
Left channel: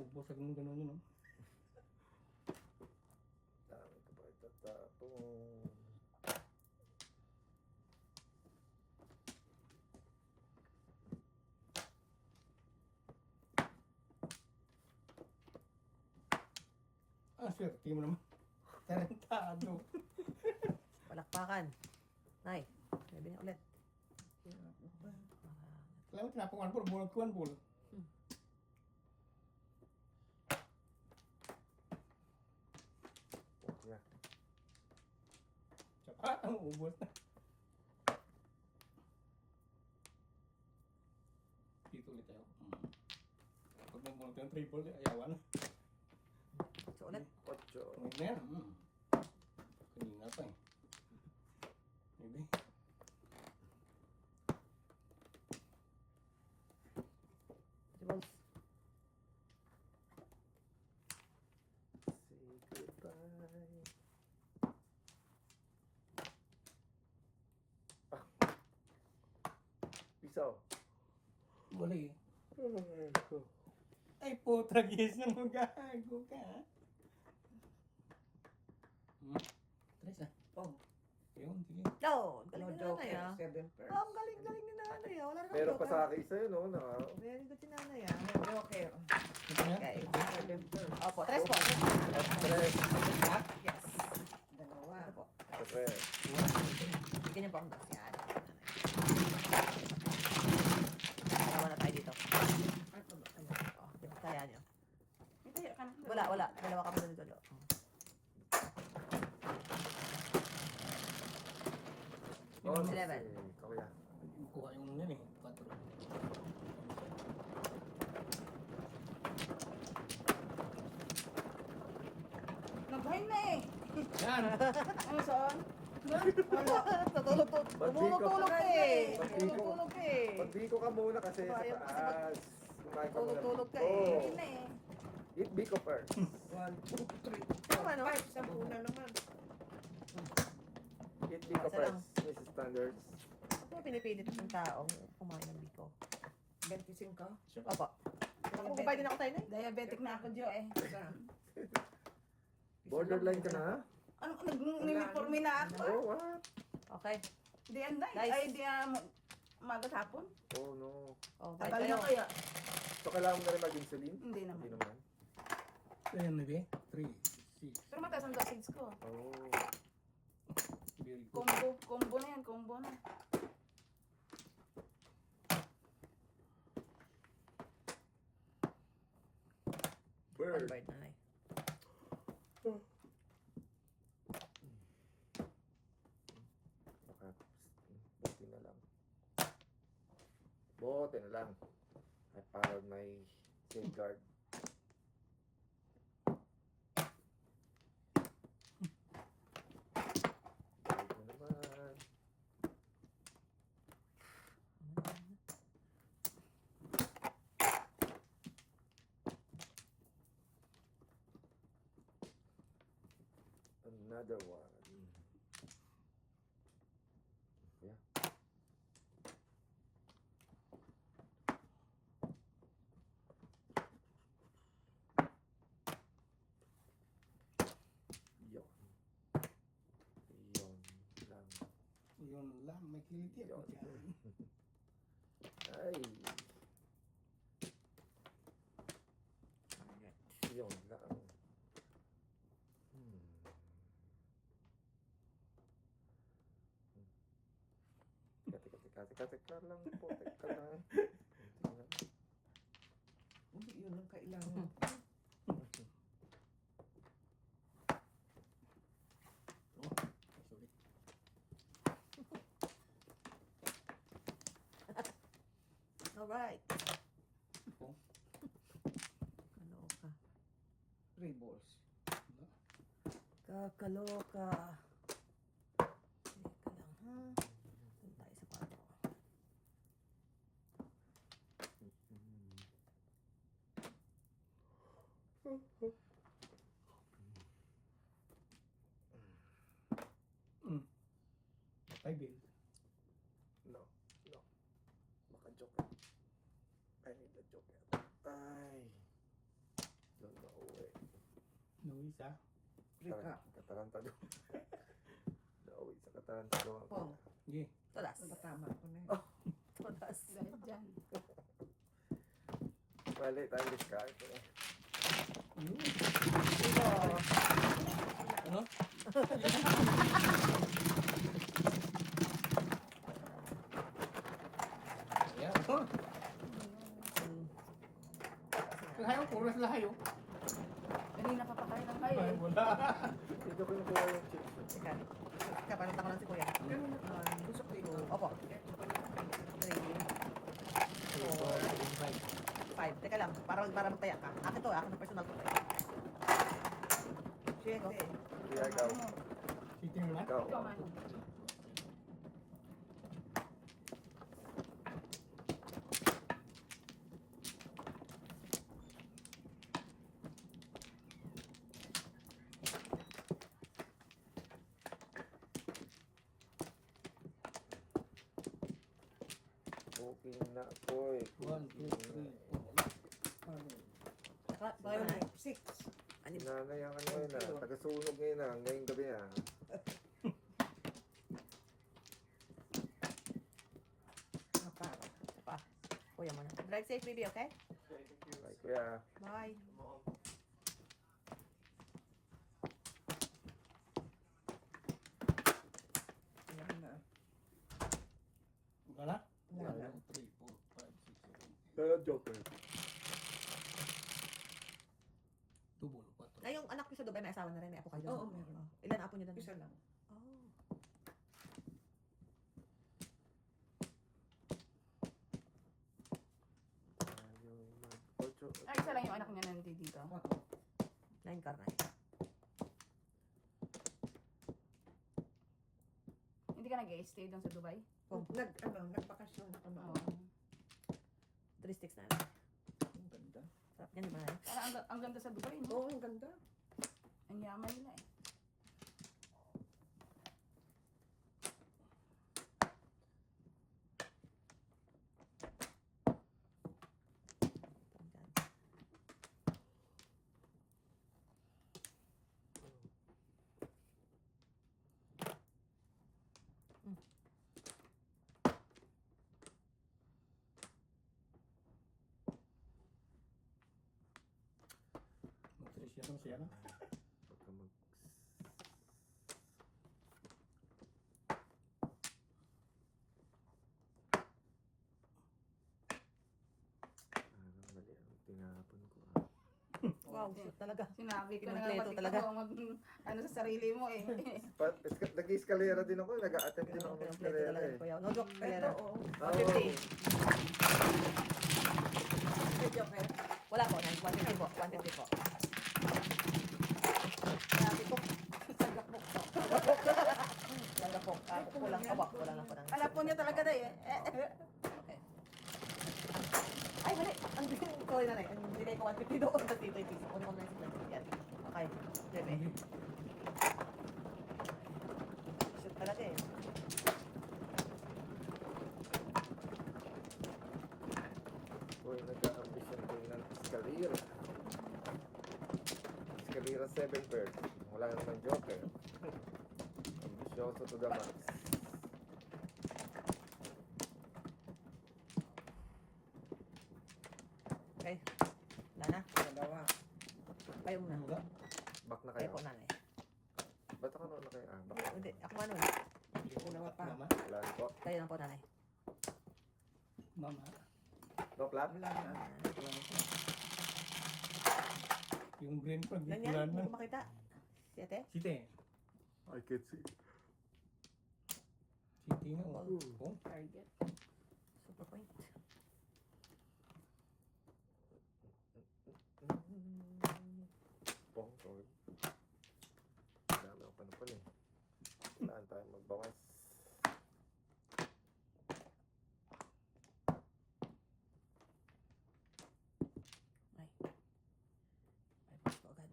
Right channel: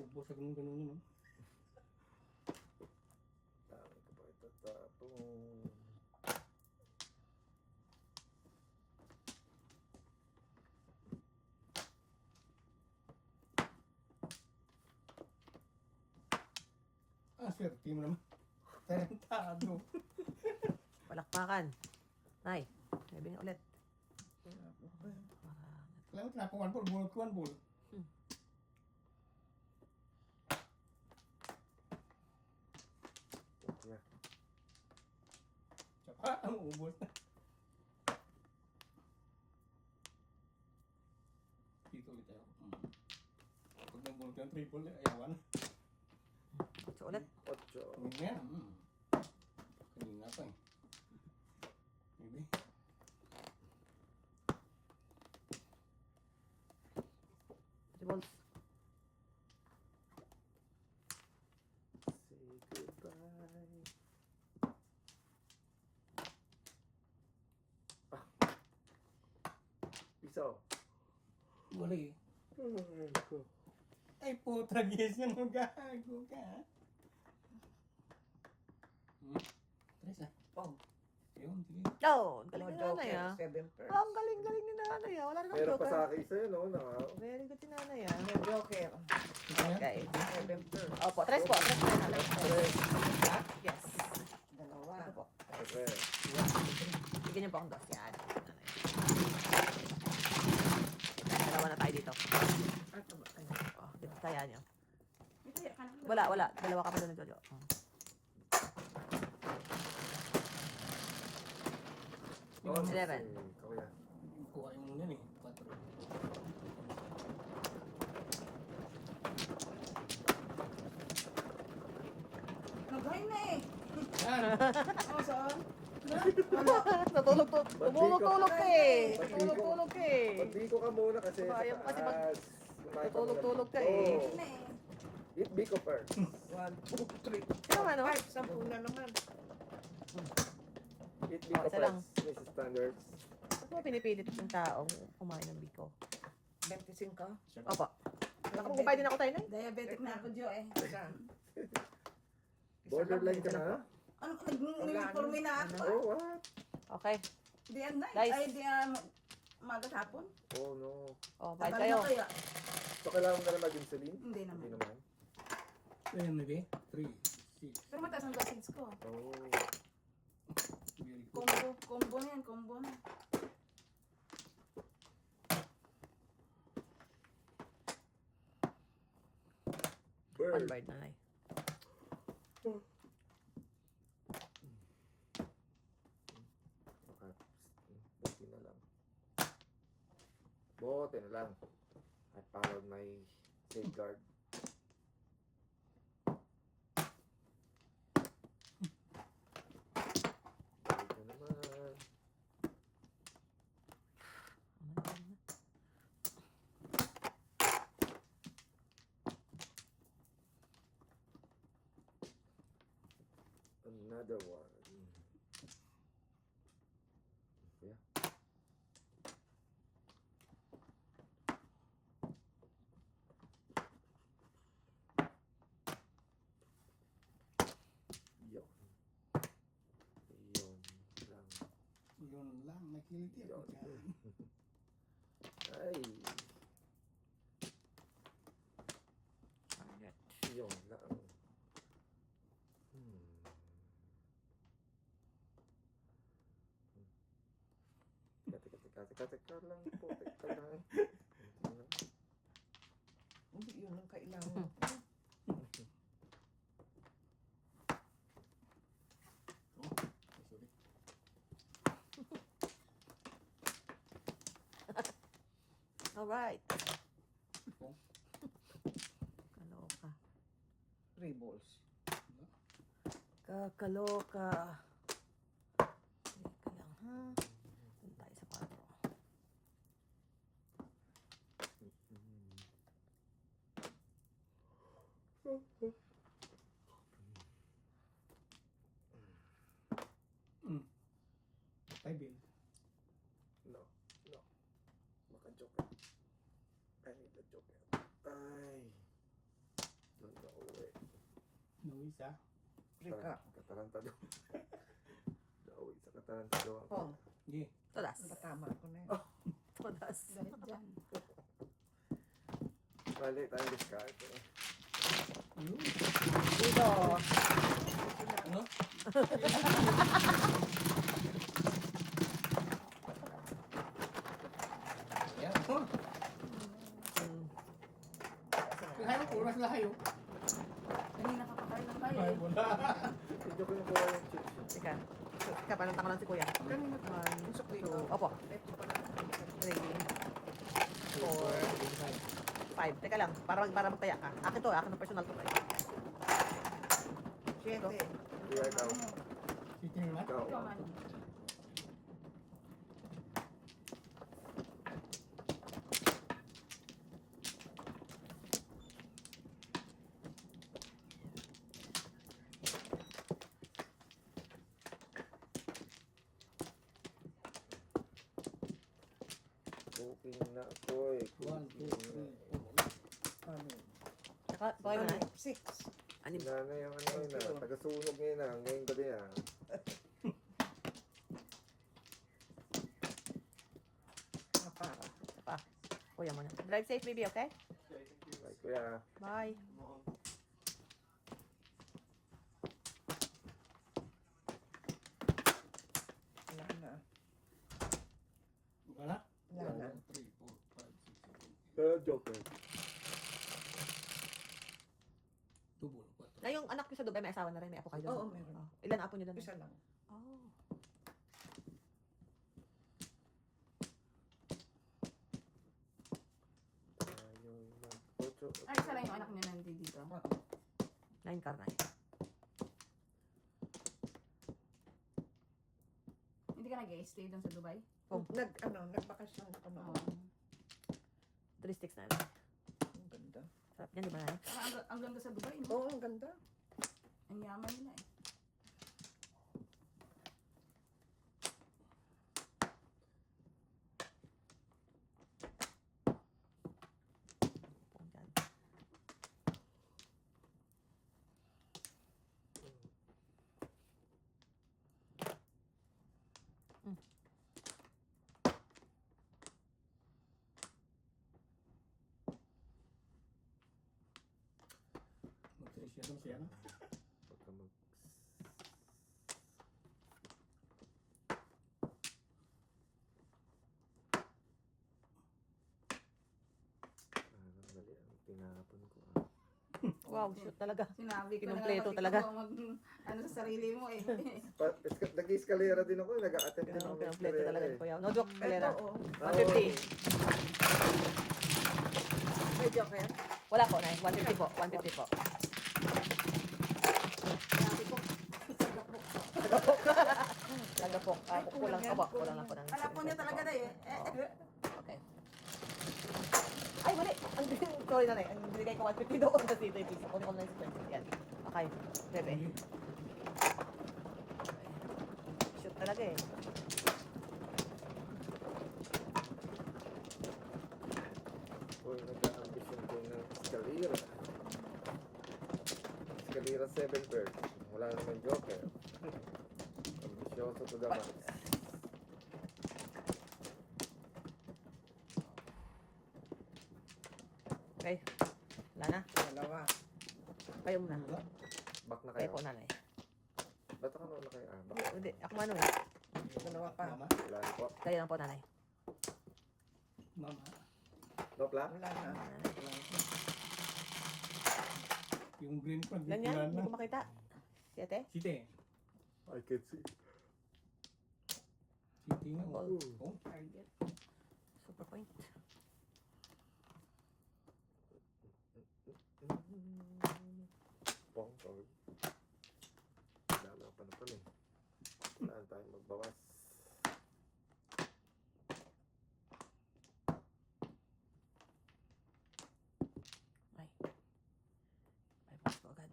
Ubos sa ganun yun. Dami ko pa itatapon. Swerte mo naman. Tarantado. Palakpakan. Nay. Sabihin ulit. Kaya mo tinapawan po, bunot ko ang bulo. Yeah. Saka, ang ubos na. Dito ulit tayo. Pag mo bunot yung triple, ayawan. So ulit. 8. Huwag na yan. Kanina pa eh. Maybe. Three balls. Piso. Wala eh. Ay, ko. Ay, putra, gising mo, gago ka. Tres ah. Oh, Yun, sige. Oh, galing no ni joke. nanay ah. 7 Ah, ang galing ni nanay ah. Wala naman Meron pa joker. sa akin isa yun, no? Very good si nanay ah. No joker. Ito yan. Okay. 7 pearls. Opo, tres po. Tres. Yes. Dalawa. Ano po? Tres. Bigyan niyo po ang dos. Yan. Dalawa na tayo dito. Ano ba? Ano? Oh, dito kaya niyo. May taya ka na. Wala. Dalawa ka muna ng Jojo. Oh, Eleven. Kuya. Kuha yung nun eh. Patro. Lugahin na eh. Yan. Ano saan? Natulog to. Ba't di ko- Tulog ka eh. Ba't di ko- Tulog ka eh. Pagbiko ka muna kasi sa Ayaw kasi taas. Kumain ka muna. Tulog ka biko. eh. Lugahin na eh. Eat biko first. 1, 2, 3, Tama naman. 5. 10 na naman. Eat biko Isa lang. first, Mrs. Standards. Ano pinipilit ng tao kumain ng biko? 25 ka? Opo. Ako, kumain din ako tayo na eh. Diabetic na ako, Jo eh. Isa. Borderline ka na? Ano, nag-uniforme na ako. Oh, what? Okay. Di yan na. Guys. Ay, di yan. Umagat hapon. Oh, no. Oh, bye Tabal kayo. na kaya. So, kailangan mo na rin mag-insulin? Hindi Hindi naman. naman. Ayan na eh. 3, 6. Pero mataas ang gapids ko. Oh. Very good. Combo na yan, combo na. One Bird. bird na eh. Baka, buti na lang. Buti na lang. I followed my safeguard. Balik na naman. Another one. Yeah. Yon. Yon lang. Yun lang. May kiliti ako Yon. dyan. Ay. Yon lang. Hmm. Teka lang po. Teka lang. Konti lang. Hindi yun ang kailangan mo. Sorry. Alright. Oh. Kaloka. 3 balls. Kakaloka. Teka lang ha. Doon tayo sa pato. Five bill. No. No. Baka joke. I need a joke. Ay. Don't know eh. Luis ah. 3 ka. Katarantado. Nauwi sa katarantado. Pong. Sige. Tulas. Patama ko na yun. Tulas. Dahil dyan. Mali tayong discard. Yun. Dito. Ano? Ayan. Ito. Ang hayop. Oras na hayop. Kanina pa pa kayo ng kayo. Ay, wala. Hindi ko kinukuha yung chips. Teka. Teka, palantang ko lang si Kuya. Usap ko yun. Opo. 3, 5. Teka lang. Para magtaya ka. Akin to. Akin ng personal to. 7. Kaya ikaw. Sitting naman. Ikaw. Cooking na ako eh. Cooking na. Ano? Bakay mo na. 6. Ano? Nanay ang ano yun ah. Taga-sunog ngayon ah. Ngayong gabi ah. Para. Kuya mo na. Drive safe, baby, okay? Ay, kuya. Bye. Wala na. Wala? Wala na. Pero joker. Na yung anak ko sa Dubai, may asawa na rin, may apo kayo. Oo, meron. Ilan apo niyo doon? Isa lang. Oh. Ayaw mag-ocho. Ay, isa lang yung anak niya nandito. Oo. 9 car na. Hindi ka nag-stay doon sa Dubai? Nagbakasyon ako noon. 3 sticks na. Ang ganda. Sarap yan, di ba? Parang ang ganda sa Dubai, no? Oo, ang ganda. Ang yaman nila eh. Yan. Siya. Pagka mag... Mali ang tinapon ko ah. Wow, shoot talaga. Sinabi ko Kinumpleto na talaga. ano sa sarili mo eh. Nag-escalera din ako, nag-a-attempt din ako Kompleto mag-escalera talaga eh. yung kuya. No joke, Ito, Kalera. oo. 150. May joker. Wala po, 150 po. 150 po. Talaga po. Ay, kulang po ba? Kulang na po ng... Alam po niya talaga na eh. Okay. Ay, mali. Ang sorry na rin. Ang binigay ko 150 doon sa dito. Kunin ko na yung 20. Yan. Okay. Bebe. Shoot talaga eh. Uy, nag-a-ambition ko ng escalera. Escalera 7 birds. Wala naman joker. Ambisyoso to the max. Okay. Wala na. Dalawa. Kayo muna. Back na Kayo kayo. po nanay. Ba't ako na kayo? Ah, back. Hindi. Ako mano. Dalawa pa. Mama? Wala na po. Kayo lang po nanay. Mama? No plan? Wala na. Yung brain ko, Ganyan. wala Hindi na. ko makita. Si ate? Site. I can see. Site nga. Oh. Target. Super point. Pong, sorry. Dami ako panapon eh. Wala tayong magbawas. Ay. Bypass ko agad.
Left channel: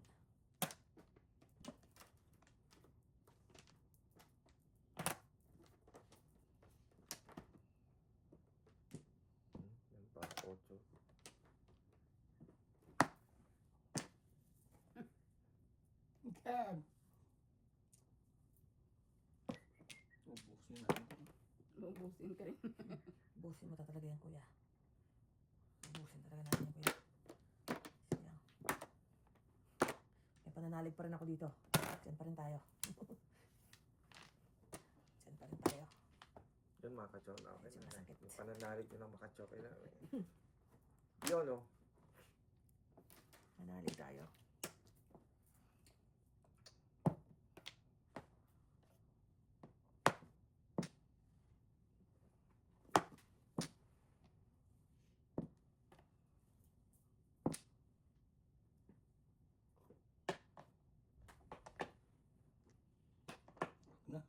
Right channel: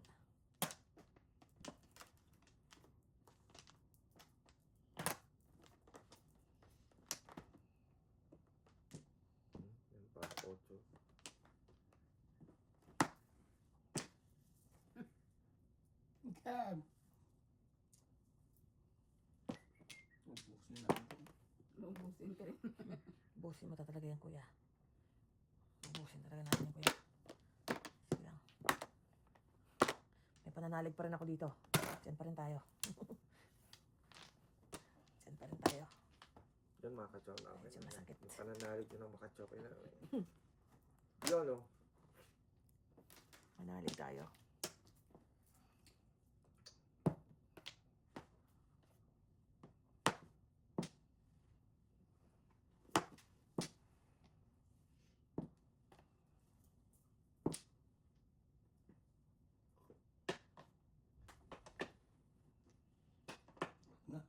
Yan pa, 8. God. Ubusin na. Lubusin ka rin. Busin mo talaga yan, kuya. Busin talaga natin yan, kuya. Sige lang. May pananalig pa rin ako dito. Diyan pa rin tayo. Diyan pa rin tayo. Yun mga kachok na. Okay Medyo na. masakit. Yung pananalig yun ang makachok. Okay na. Yun o. Manalig tayo. Na.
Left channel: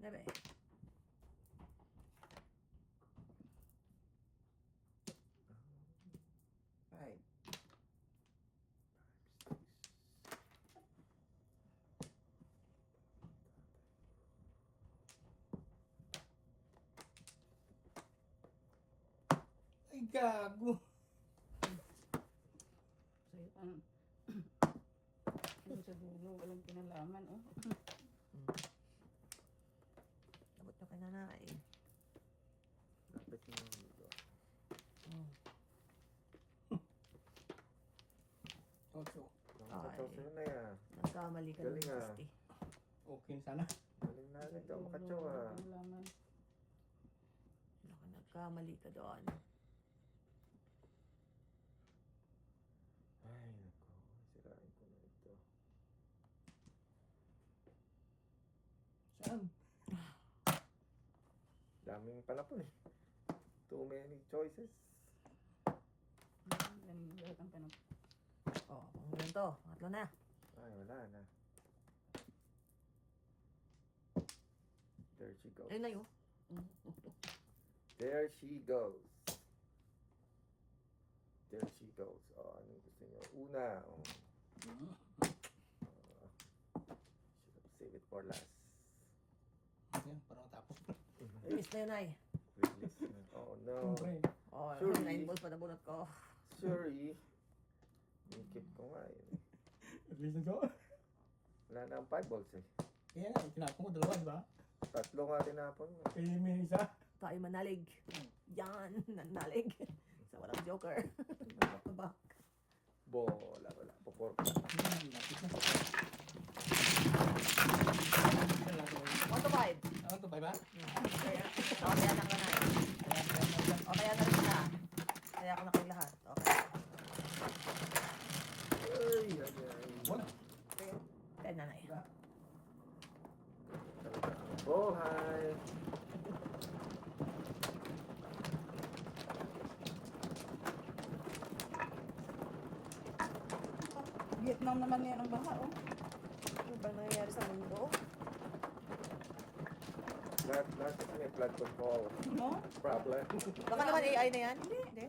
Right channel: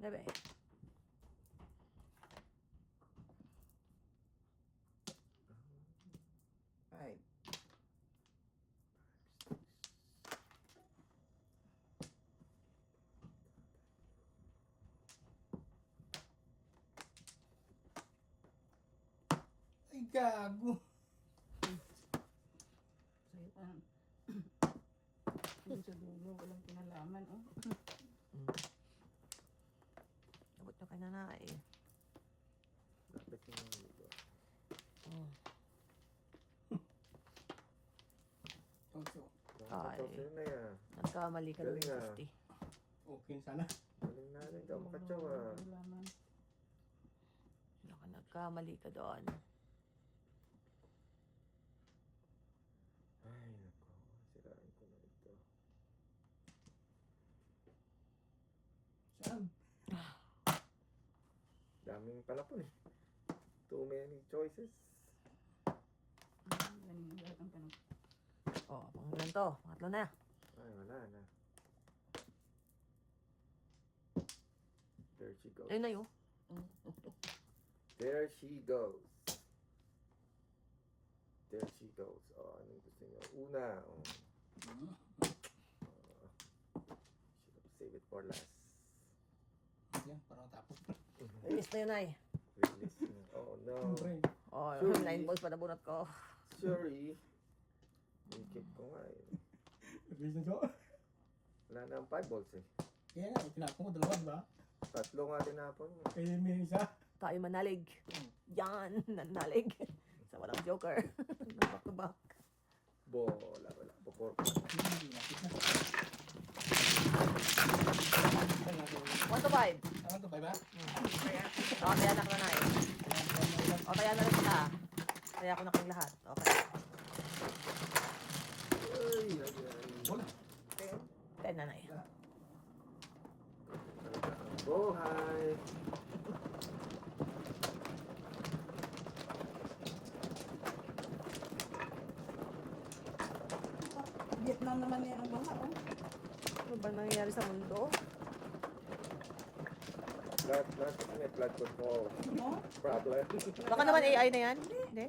Bebe. Five. Gago. Sa'yo, yung sa dulo, walang kinalaman, oh. Abot na ka na eh. Lapit mo yung dito. Toto. Nakakataw sa'yo na yan. Nagkamali ka Galing, ng ah. 50. Okay sana. Galing natin ka makatsaw ah. Kailangan. Nagkamali ka doon. Ay, nako. Sirain ko na ito. Saan? Daming palapon eh. Too many choices. Galing ang lahat ang tanong. Oh, kung ilan to? Tatlo na. Ay, wala na. There she goes. Ayun na yun. There she goes. There she goes. Oh, anong gusto niyo? Una. Oh. Should have saved it for last. Yan, parang tapos. Release na yun ay. Release na. Oh no. Okay. Oh, Sure. 9 balls pa nabunot ko. Sorry. Inikip ko nga eh. Reason to? Wala na ang 5 balls eh. Yeah, tinapon ko dalawa, di ba? Tatlo nga tinapon mo. Kaya may isa. Tayo manalig. Yan, nanalig. Sa walang joker. Back to back. Bola, wala. Popor. One to five. Ano to, ba? Okay lang na eh. Okay na lang siya. Kaya ako na kang lahat. Okay. Ay, ay, ay. Wala. 10 na na eh. Talaga ang buhay. Vietnam naman meron mga, oh. Ano ba nangyayari sa mundo? Lahat kasi may blood control No? problem. Baka naman AI na yan. Hindi.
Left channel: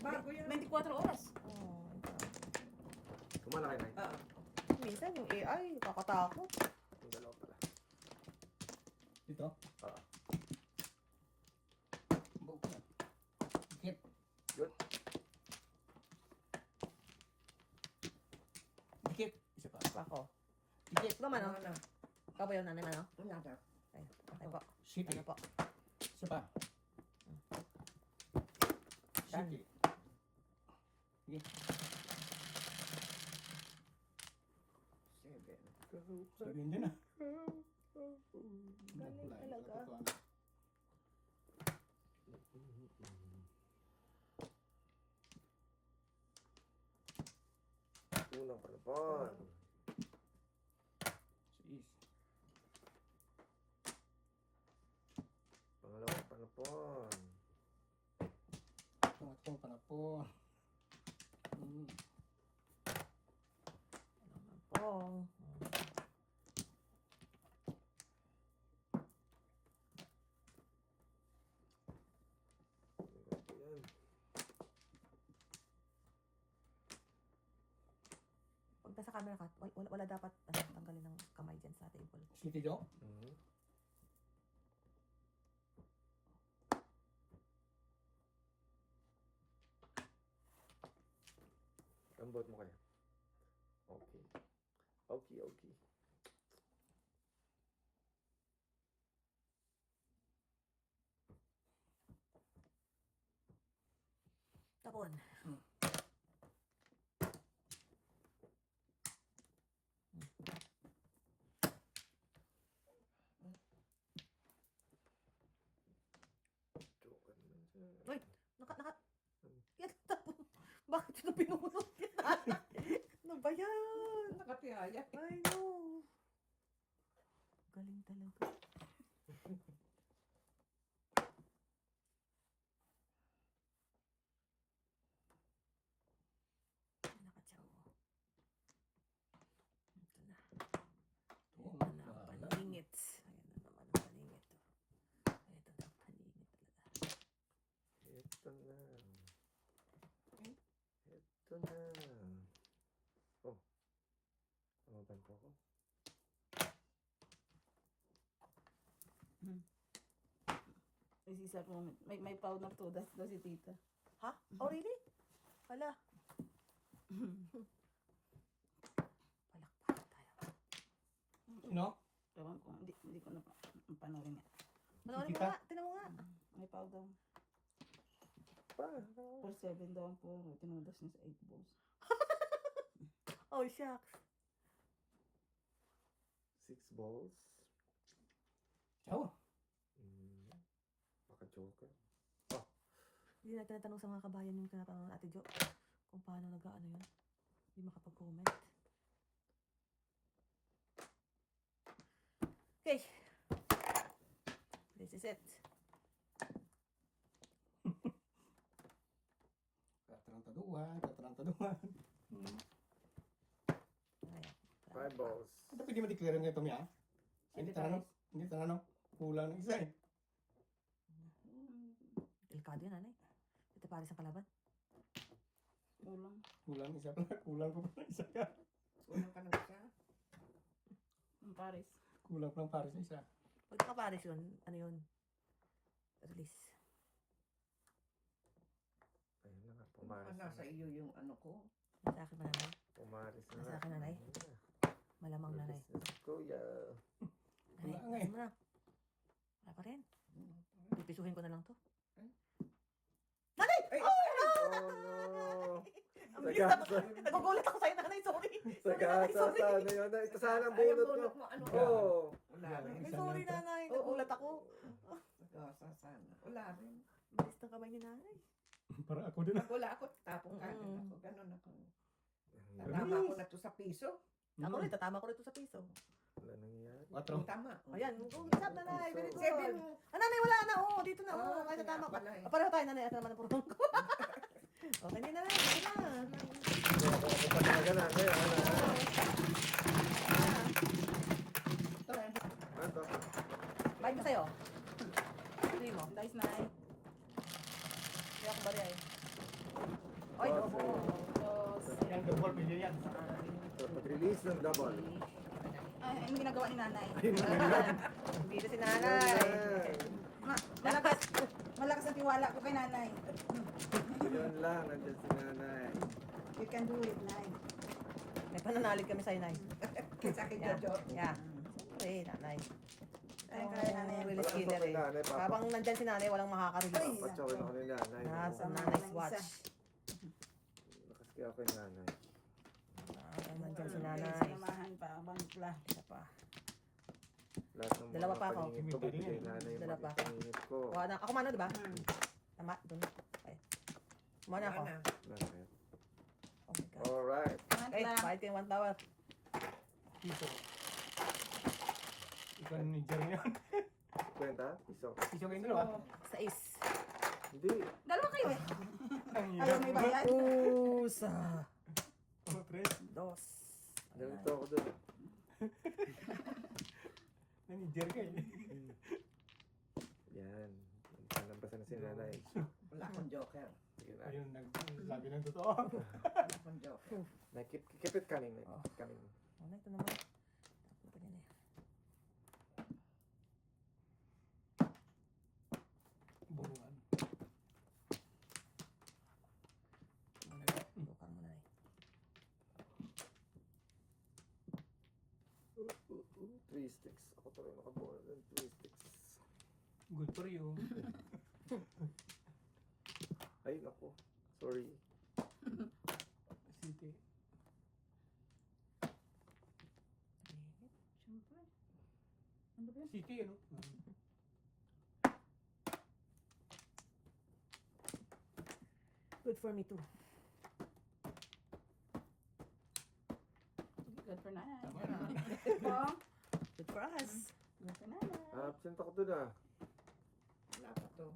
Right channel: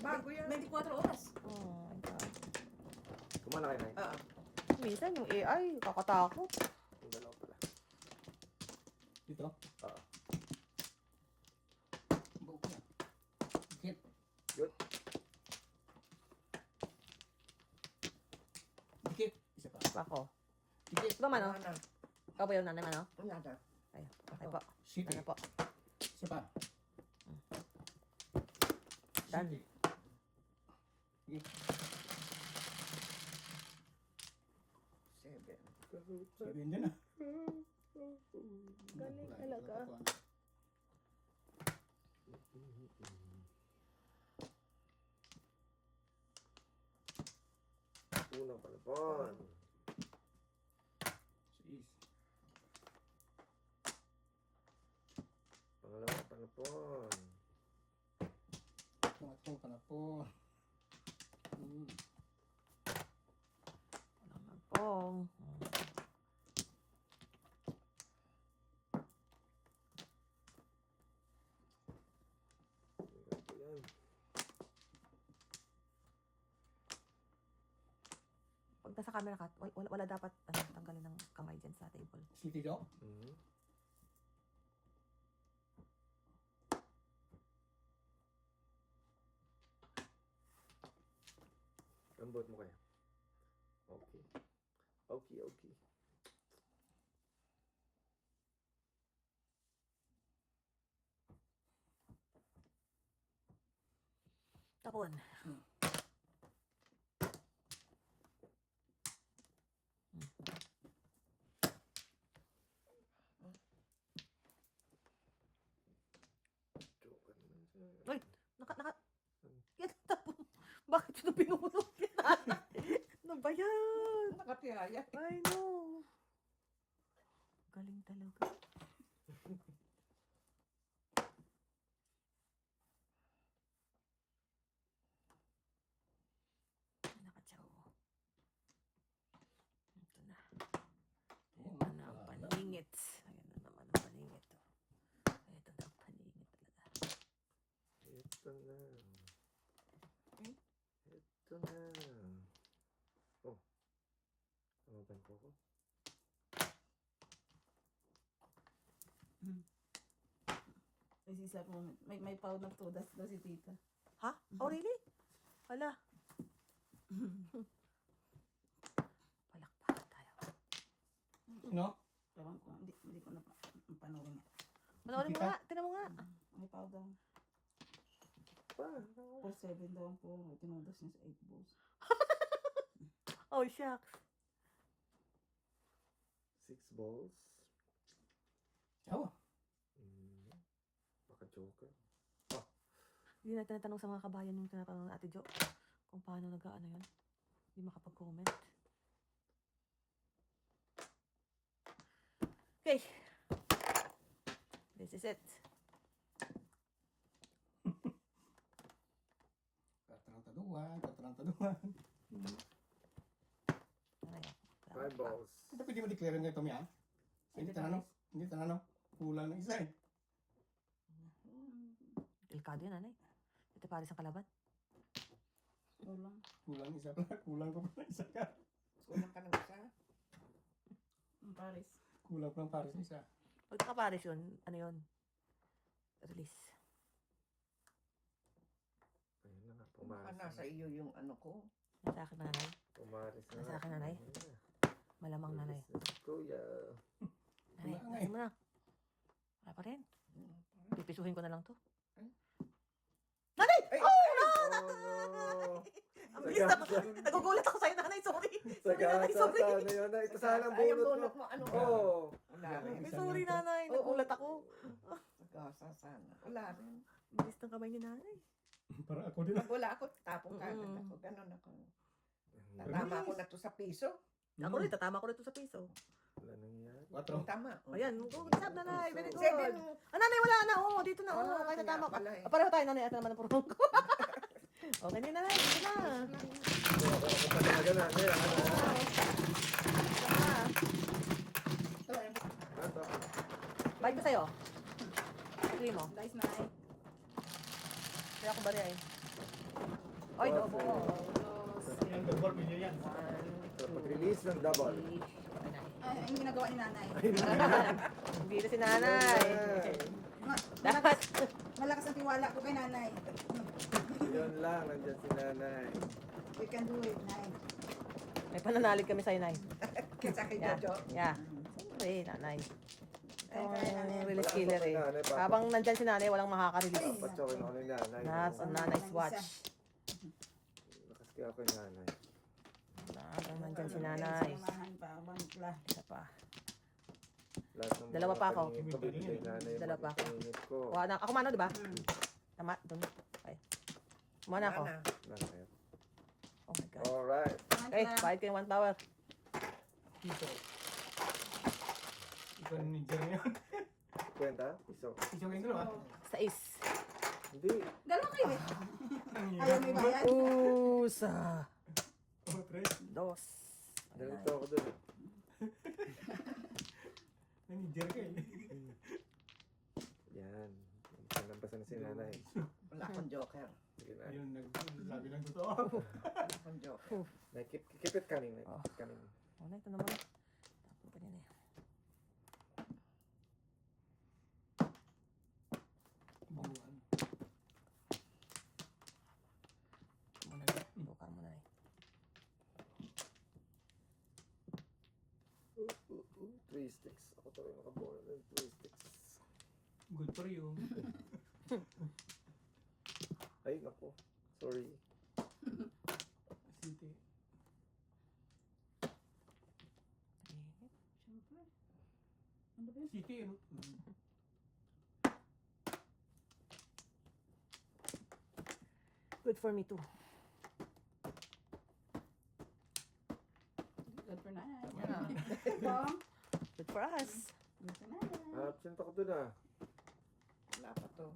Bago yan. 24 oras. Oh, Kumana kayo, Nay. minsan yung AI, kakatakot. Yung dalawa pala. Dito? Oo. Buok na. Hit. Good. Dikit. Isa pa. Ako. Dikit. Ikaw man, oh. Ikaw ba yung nanay man, oh? Wala daw. Ay, okay po. City. Ano po? Isa pa. Done. City. Sige. 7. Sabihin din ah. Galing talaga. Unang palapon. Siis. Pangalawang palapon. Pangatong pa na po. Oh. Ganito yan. Pag nasa camera ka, wala dapat tanggalin ng kamay dyan sa table. City do? Mhm. Ambot mo kaya? Okay. Okay, okay. Tapon. Joker naman siya. Uy! Yan, tapon. Bakit ito pinunod? Ano ba yan? Nakatihaya. I know. Galing talaga. Nakatsaw. Ito na. Ito na ang paningit. Ayan na naman ang paningit. Ito na ang paningit talaga. Ito na. Ito na. Oh. Tamaban po ako. May sisa ko naman. May powder to. That's daw si tita. Ha? Oh, really? Wala. Palakpakan tayo. No? Ewan ko, hindi ko na panoorin nga. Panoorin mo nga. Tinan mo nga. May powder. Pa. 4-7 daw po. Tinados niya sa 8 balls. Oh, shucks. 6 balls. Oo. Baka joker. Hindi na tinatanong sa mga kabayan yung tinatanong ng Ate Jo kung paano nag-ano yun. Hindi makapag-comment. Okay. This is it. Tatarantaduhan. Ano yan? 5 balls. Ito pwede ma-declare nga ito, Mia? Hindi tanano. Kulang ng isa eh. Delikado yun, nanay. Ito pares ang kalaban. Kulang. Kulang isa pa. Kulang ko pa isa ka. Kulang ka ng isa. Ang Paris. Kulang pa ng pares na isa. Pag nakapares yun, ano yun? Release. Ayun na nga, Baka pumaris na. nasa iyo yung ano ko. Sa akin, nanay. Pumaris na. Sa akin, nanay. Ayun na. Malamang, nanay. Release na, Kuya. Nanay, Wala nga ano na? Wala pa rin. Pipisuhin ko na lang to. Ay, Oh no! Sagasa. Nagugulat ako sa'yo, nanay. Sorry. Sagasa. Sana yun. Ito sana ang ay, ang bunot mo. bunot mo, ano ka? Oo. Wala rin. Sorry, nanay. Oo. Nagulat ako. Nagkasa sana. Wala rin. Bilis ng kamay ni nanay. Para ako din. Pag wala ako, tapong kagad ako. Ganon ako. Wala Tatama ko na to sa piso. Ako rin, tatama ko rin to sa piso. nangyayari. 4. Tama. Ayan, good job, nanay. Very good. Seven. Nanay, wala na. Oo, dito na. Oo, kaya tatama ko. pala eh. Pareho tayo, nanay. Ito naman ang purong ko. Okay din, nanay. Sige na. Ako pa talaga na. Kaya ano. Ito eh. Ano to? Bike ko sa'yo. Sige mo. Guys, Nay. Kaya ako bali ay. Ay, no. Yan, good for video yan. So, pag-release ng double. Ay, yung ginagawa ni Nanay. Hindi na si nanay. Dapat. Malakas ang tiwala ko kay Nanay. Yun lang, nandyan si nanay. We can do it, Nay. May pananalig kami sa'yo, nay. Sa akin, Yeah. Jojo. Yeah. Sorry, nanay. Ay, kaya Nanay. Release Malakas killer ako kay eh. nanay, papa. Habang nandyan si nanay, walang makaka-release. Patsakin ako ni nanay. Nasa no? nanay's watch. Lakas kaya ako kay nanay. Habang nandyan si nanay. Samahan pa, one plus. Isa pa. Lahat ng Dalawa mga pa ako. paningit ko, bibigay nanay yung Dalawa pa mga ako. paningit ko. O, ako mano, di ba? Tama, dun. Okay. Muna ako. Wala na. Nanay. Oh my God. Alright. Eh, bayad kayo 1 power. Piso. Ikaw ni Jerry yun. Kwenta? Piso. Piso kayo dalawa. Sa ace. Hindi. Dalawa kayo eh. Ang Ayaw may bayad. Usa. 3. Dos. Nalito ako dun. Ni Jerry kayo. Yan. Panabasan na si nanay. Wala akong joker. Sige na. Ayun, nagsabi ng totoo. Wala akong joker. Na, keep it coming. Keep it coming. Ano ito naman? Ako pa niyan eh. Bungan. Bukan mo na eh. 3 sticks. Ako tuloy nakabola ng 3 sticks. Good for you. Ay, naku. Sorry. City. Siyempre. Ano ba yun? City, ano? Good for me too. Good for Nanay. Mom, Good for us. good for Nanay. Absent ako dun ah. Wala pa to.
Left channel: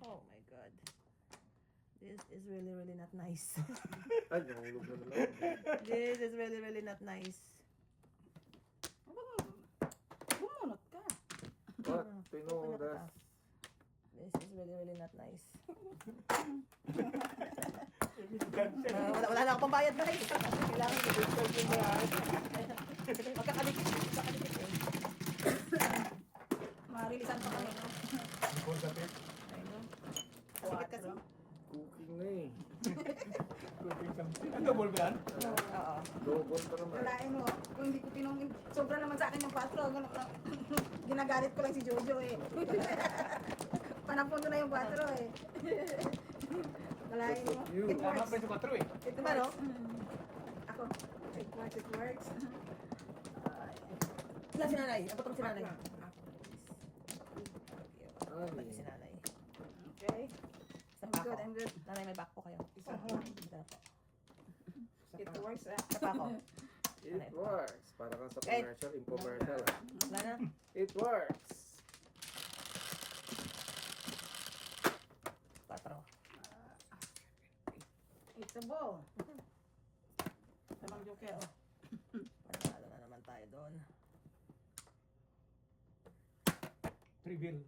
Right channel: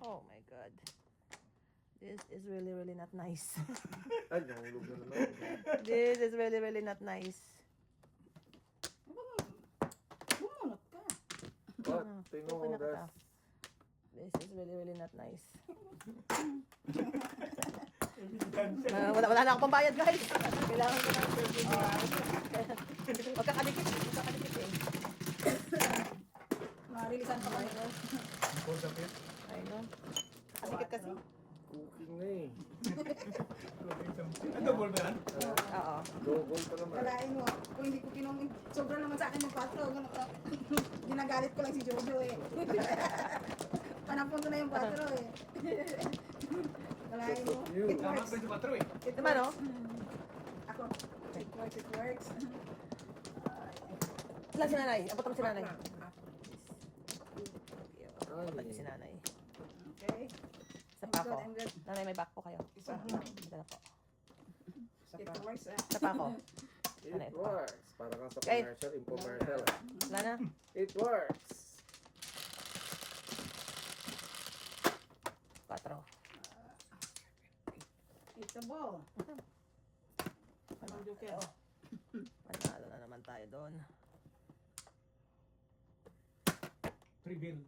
Oh my God. This is really, really not nice. Ay, nahulog na naman. This is really, really not nice. Bumunot ka. What? Open Tinodas. up. This is really, really not nice. Wala na akong pambayad, guys. Kailangan ko ng Huwag ka kadikit. Huwag ka kadikit eh. Marilisan pa kayo. I know. Kadikit kasi. Cooking Ginagalit ko lang si Jojo eh. Panapunto na yung 4 eh. Wala That's so yung... cute. It Tama works. ba si Patro eh? It Diba, no? works. Ako, it works, it works. Ilan si nanay? Apat ang si nanay. Ay. Apat si nanay. Okay. Isa I'm pa good, ako. I'm good. Nanay, may back po kayo. Isa pa. Dala po. It works ah. Isa pa ako. It works. Para kang sa Eh. commercial, infomercial. ah. Wala na. It works. 4. It's a ball. Anong joker? Oh. Manalo na naman tayo doon. Trivial.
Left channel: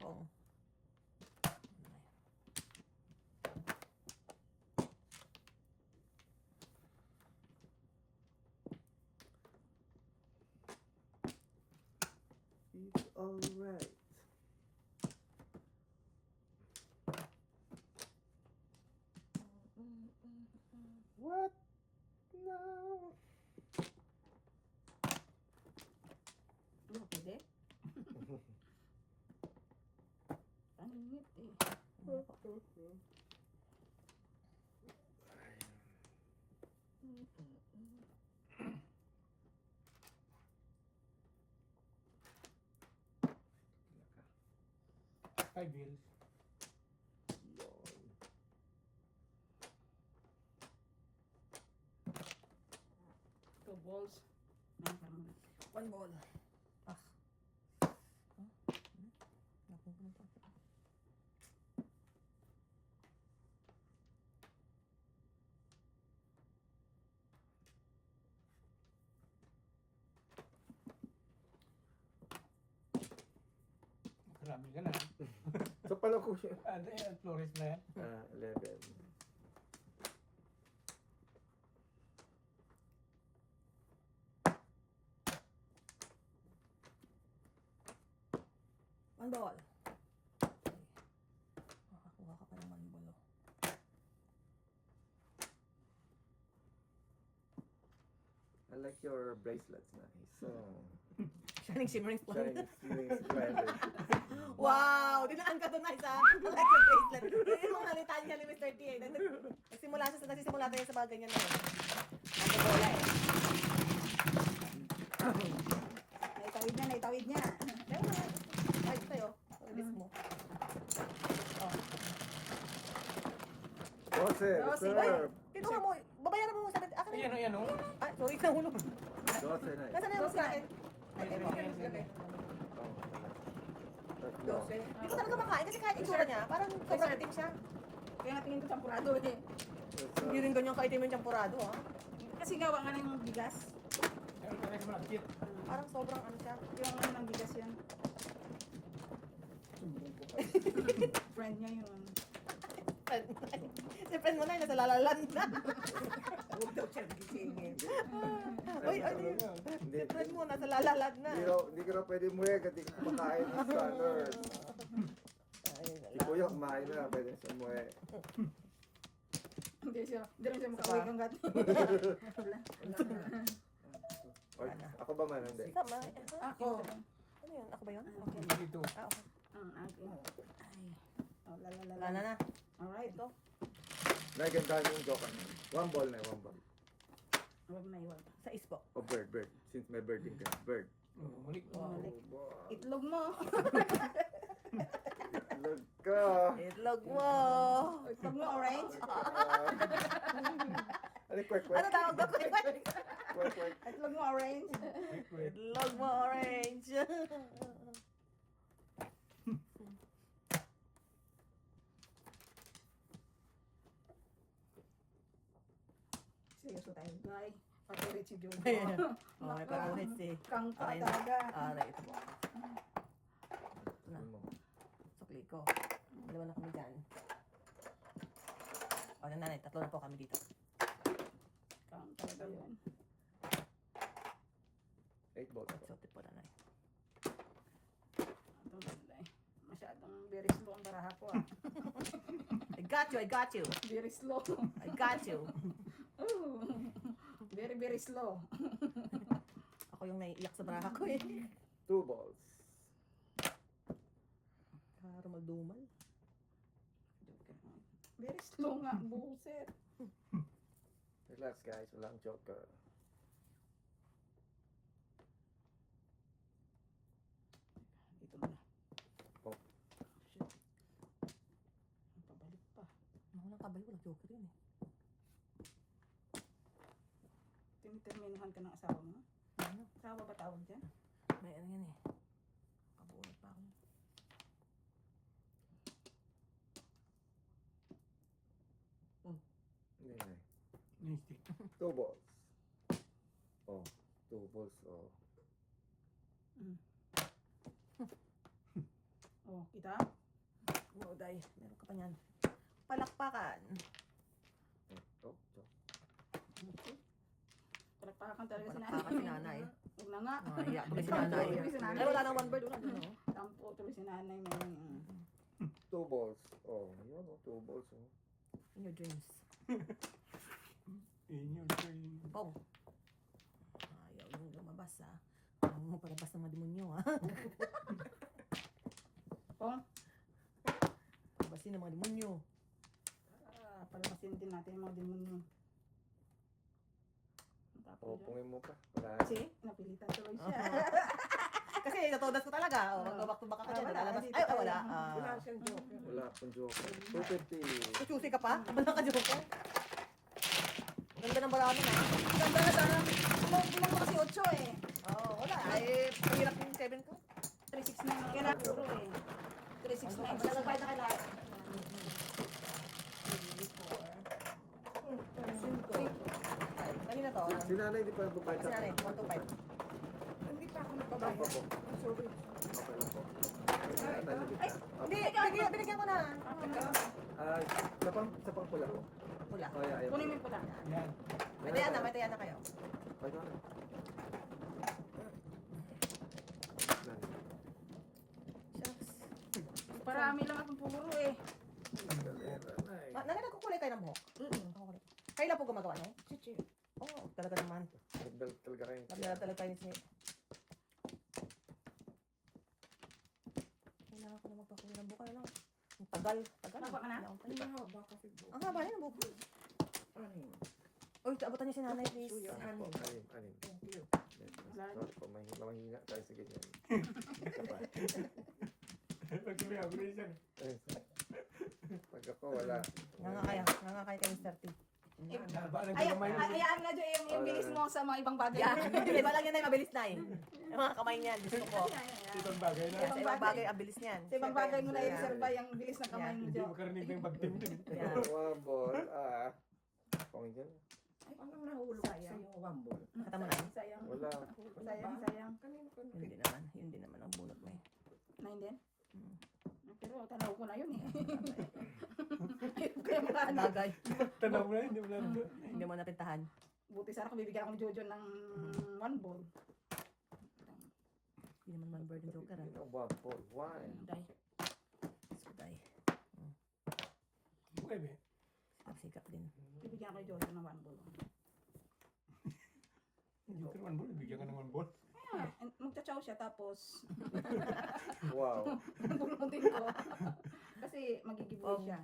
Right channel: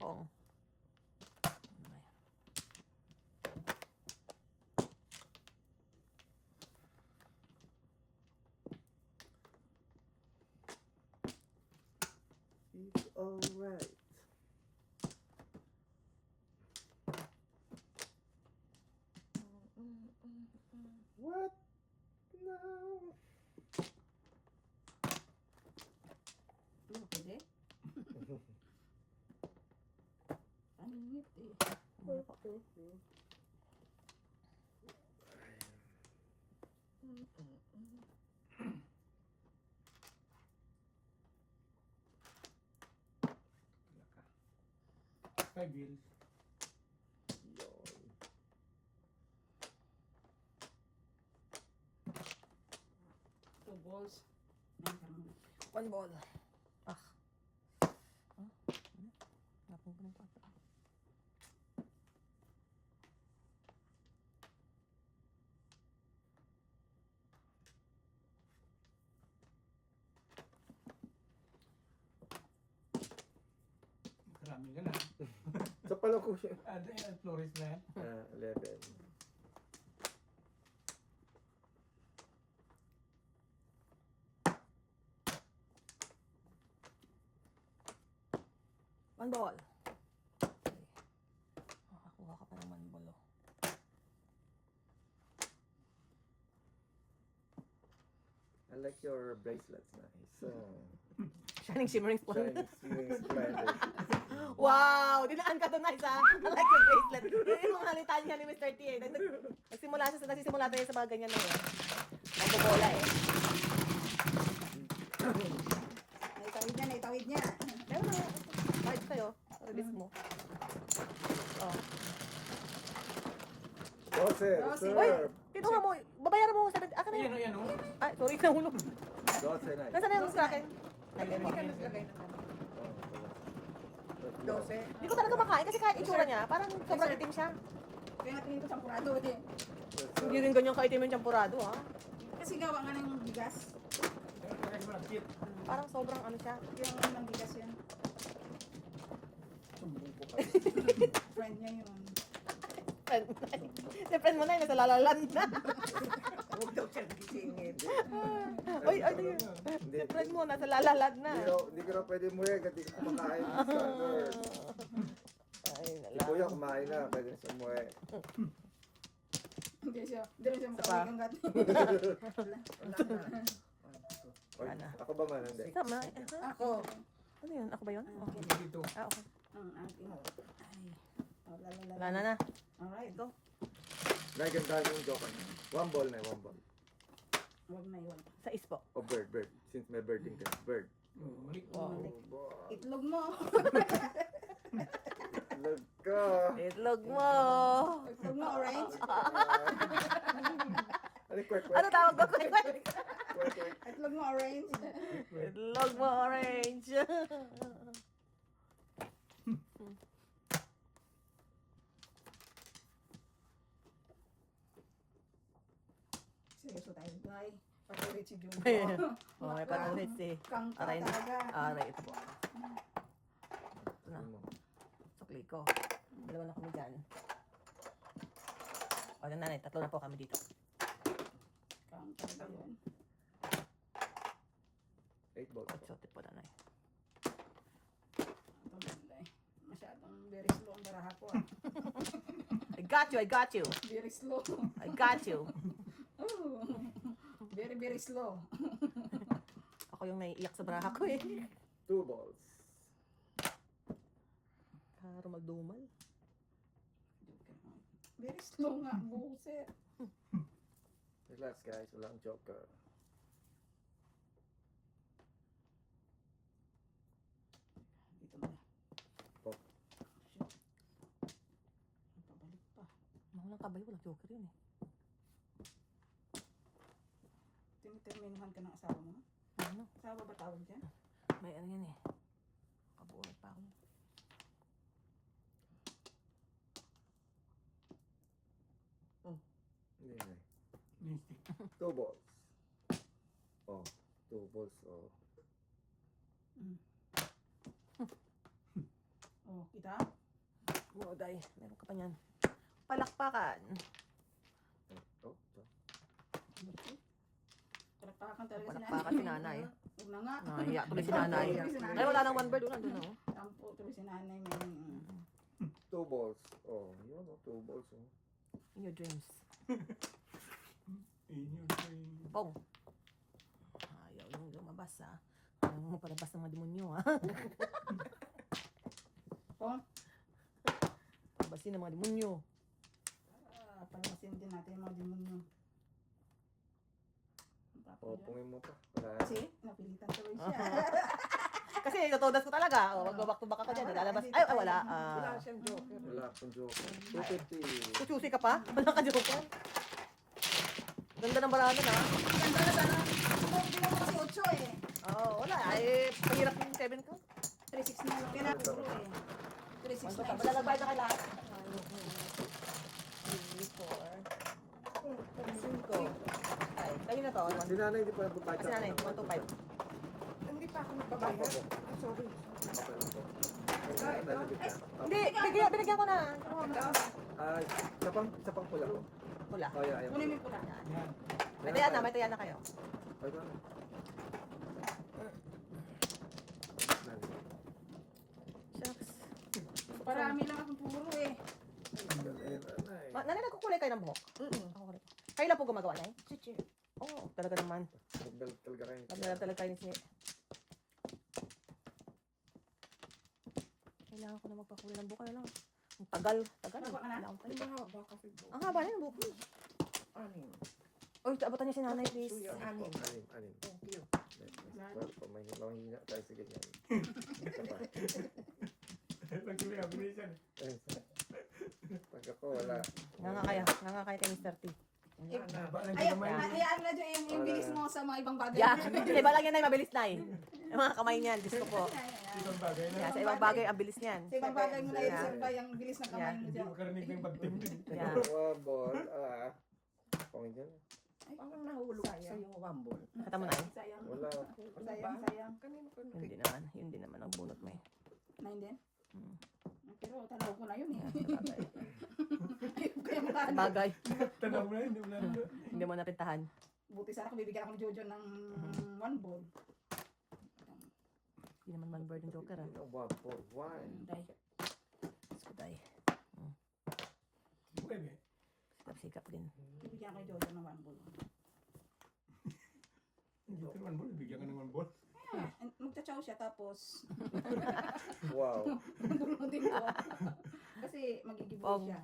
Pong. It's alright. What? No. Ano, pwede? Ano yun eh? Five wheels. Yun. Two balls. 1 ball. Ah. Napupunta pa. Marami ka na. Sa pala ko siya. Flores na yan. 11. One ball. Makakuha ka pa ng 1 ball. Oh. I like your bracelets, nice. So, Shining shimmering spoon. shining, feeling splendid. Wow! Dinaan ka doon na isa. I like the bracelet. Hindi ko nalitaan niya ni Mr. T. Eh. Nagsisimula tayo sa mga ganyan na. May tawid niya. Meron na. Kahit sa'yo. Release mo. Dose, reserve. Kinuha mo. Babayaran mo. Akin na Ayan yun. o, yan o. Ay, sorry. Nahulog. Dose, nice. Nasaan na yung sa akin? Ay, hindi ka yung sa akin. Oh, wala. Tatlo. Hindi ko talaga makain kasi kahit itsura niya, parang sobrang itim siya. Kaya natin ko sampurado eh. Hindi rin ganyan kaitim yung champurado, ha? Kasi gawa nga ng bigas. Kaya mo lang, cute. Parang sobrang ano siya. Yung mga ng bigas yan. Friend niya yun. Friend mo na yun. Friend mo na yun, nasa lalalan na. Huwag daw siya gisingin. Uy, ano yun? Hindi, Friend mo, nasa lalalag na. hindi ka raw pwede muwi kasi hindi ka kumakain ng standard. Ay, Si Kuya kumain na, pwede na siya umuwi. Hindi rin siya makawag ang gato. Oy, ako ba man? Hindi. Tama. Ako. Ano yun? Ako ba yun? Dito. Ah, okay. Ang aking. Ay. Wala. Wala na na. Alright. Ito. Naganda yung joke. 1 ball na, 1 ball. Huwag na yun. Sa ispo. O bird. Since may birding ka. Bird. Ulit. Oh, boy. Itlog mo. Look ka. Itlog mo. Itlog mo orange. Ano, kwek. Ano tawag ko? Kwek. Itlog mo orange. Itlog mo orange. Seryoso tayo, guy. Patuloy si Jojo. Okay, parang let's see. Kang Aray talaga. Aray. Ito. Ano mo? Sukli ko. Dalawa na kami dyan. O, nanay, 3 na po kami dito. Kang talaga yun. 8 balls ako. Exotic po, nanay. Pagulay. Masyadong very slow ang baraha ko ah. I got you. Very slow. I got you. Oh, very, very slow. Ako yung naiiyak sa braha ko eh. 2 balls. Karo magdumal. Very slow nga, buset. Relax guys, walang joker. Dito na. Oh. Shit. Pabalik pa. Mga kabay, walang joker yun eh. Tiniterminahan ka ng asawa mo? Ano? Asawa ba tawag dyan? May ano yan eh. Pabuhay pa ako. Hindi na. Mystic. 2 balls. Oh, 2 balls. Oh. Oh, kita? Moday, meron ka pa niyan. Palakpakan. Oh, so. Palakpakan talaga si Palakpakan si nanay. Huwag na nga. Iya, tuloy si nanay. Tuloy si nanay. Ay, wala nang one bird. Wala doon, oh. Tampo, tuloy si nanay. May... 2 balls. Oh, yun oh, 2 balls. Oh. In your dreams. In your brain. Pong. Ayaw nung lumabas ha. Ayaw mo palabas ng mga demonyo ha. Pong, Palabasin ng mga demonyo. palamasin din natin yung mga demonyo. Oh, pungin mo pa. Wala. Kasi, napilitan tuloy siya. Kasi natutudas ko talaga. O, mag-back to back ako dyan. Lalabas. Ay, oh, wala. Wala siyang joker. Wala akong joker. 250. Susi ka pa? Wala ka joker. Ganda ng balado na. Ganda na sana. Ginagawa si Ocho eh. Oo, wala. Ay, pahirap yung 7 ko. 369. Ginagawa eh. 369. Wala nagbayad na ka lahat. 5. Ayun na to. Si nanay hindi pa nagbabayad. Kasi nanay, 125. Hindi pa ako nagbabayad. Sorry. Okay lang po. Ay, nalagit na. Hindi, binigyan ko na. Ah, sa pang pula po. Wala. Oh, yeah, yeah. Kunin mo yung puta. Yan. May tayana, may tayana kayo. Ay, ito na. Nanay. Shucks. Parami lang akong pumuro eh. Nanay. Nanay, nagkukulay kayo ng buhok? Kayo lang po gumagawa na eh? Chichi. Oo, talaga naman. Nagbel talaga kayo. Nagdala talaga kayo ni Snake. Kailangan ko na magpakulay ng buhok. Ano? Ang tagal. Tagal. Napa ka na? Ang haba kasi po. Ang haba na yung buhok. Anim. Uy, abutan niyo si nanay, please. Suyo, Anim. anim. Anim. Thank you. Sorry po, mahina tayo sa ganyan. Isa pa. Pag-uwi ako rin siya. Ayun, so. Pag ako, wala. Nga kayo kay Mr. T. Haba lang Ay, naman. hayaan na dyan yung bilis mo sa mga ibang bagay. Yeah, hindi ba lang yan ay mabilis na eh. Yung mga kamay niyan, gusto ko. Ibang bagay lang. Yan, sa ibang bagay, ang bilis niyan. Sa ibang bagay mo na Yeah. i-reserve pa yung bilis ng kamay mo Hindi dyan. ko karaninig yung pag-tip. Yan. One ball. Pangin dyan. Parang nahulog sa yung wambol. Kata mo na eh. Sayang. Wala. Sayang. Kanina ko Hindi naman ang bunot mo eh. Nine din? Hmm. Pero tanaw ko na yun eh. Ayun ko yung ano. Bagay. Tanaw mo na yun. Hindi mo napintahan. Buti sana kung bibigyan ako ni Jojo ng one ball. Hindi naman mag-bird yung joker ah. One ball. Why? Day. Gusto tayo. Pwede. Sikap din. Bibigyan ako ni Jojo ng one ball. Hindi ko naman ball. Bigyan ka naman ball. Magcha-chow siya tapos Wow. bulutin ko. Kasi magigiboy siya.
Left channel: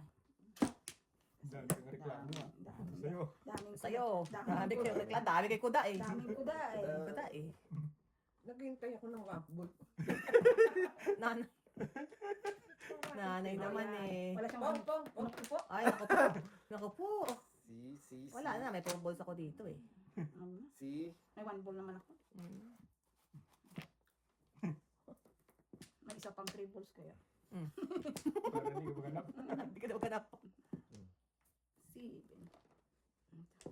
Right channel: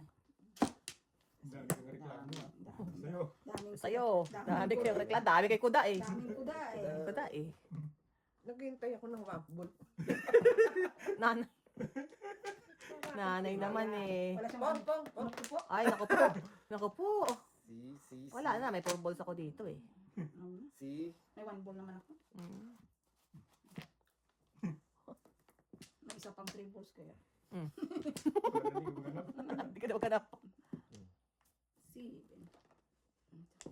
Dami ka reklamo niya. Sa'yo. Daming Sa'yo. Daming Dami kayo rekla. Dami kay kuda eh. Daming kuda eh. Kuda eh. naghihintay ako ng wambol. Nanay naman eh. Wala siyang Pong. Naku po. Ay, naku po. Naku po. Si. Wala na, may 4 balls ako dito eh. Si. May one ball naman ako. Mm. May isa pang 3 balls kaya. Para hindi ko maganap. Hindi ka na maghanap. Seven.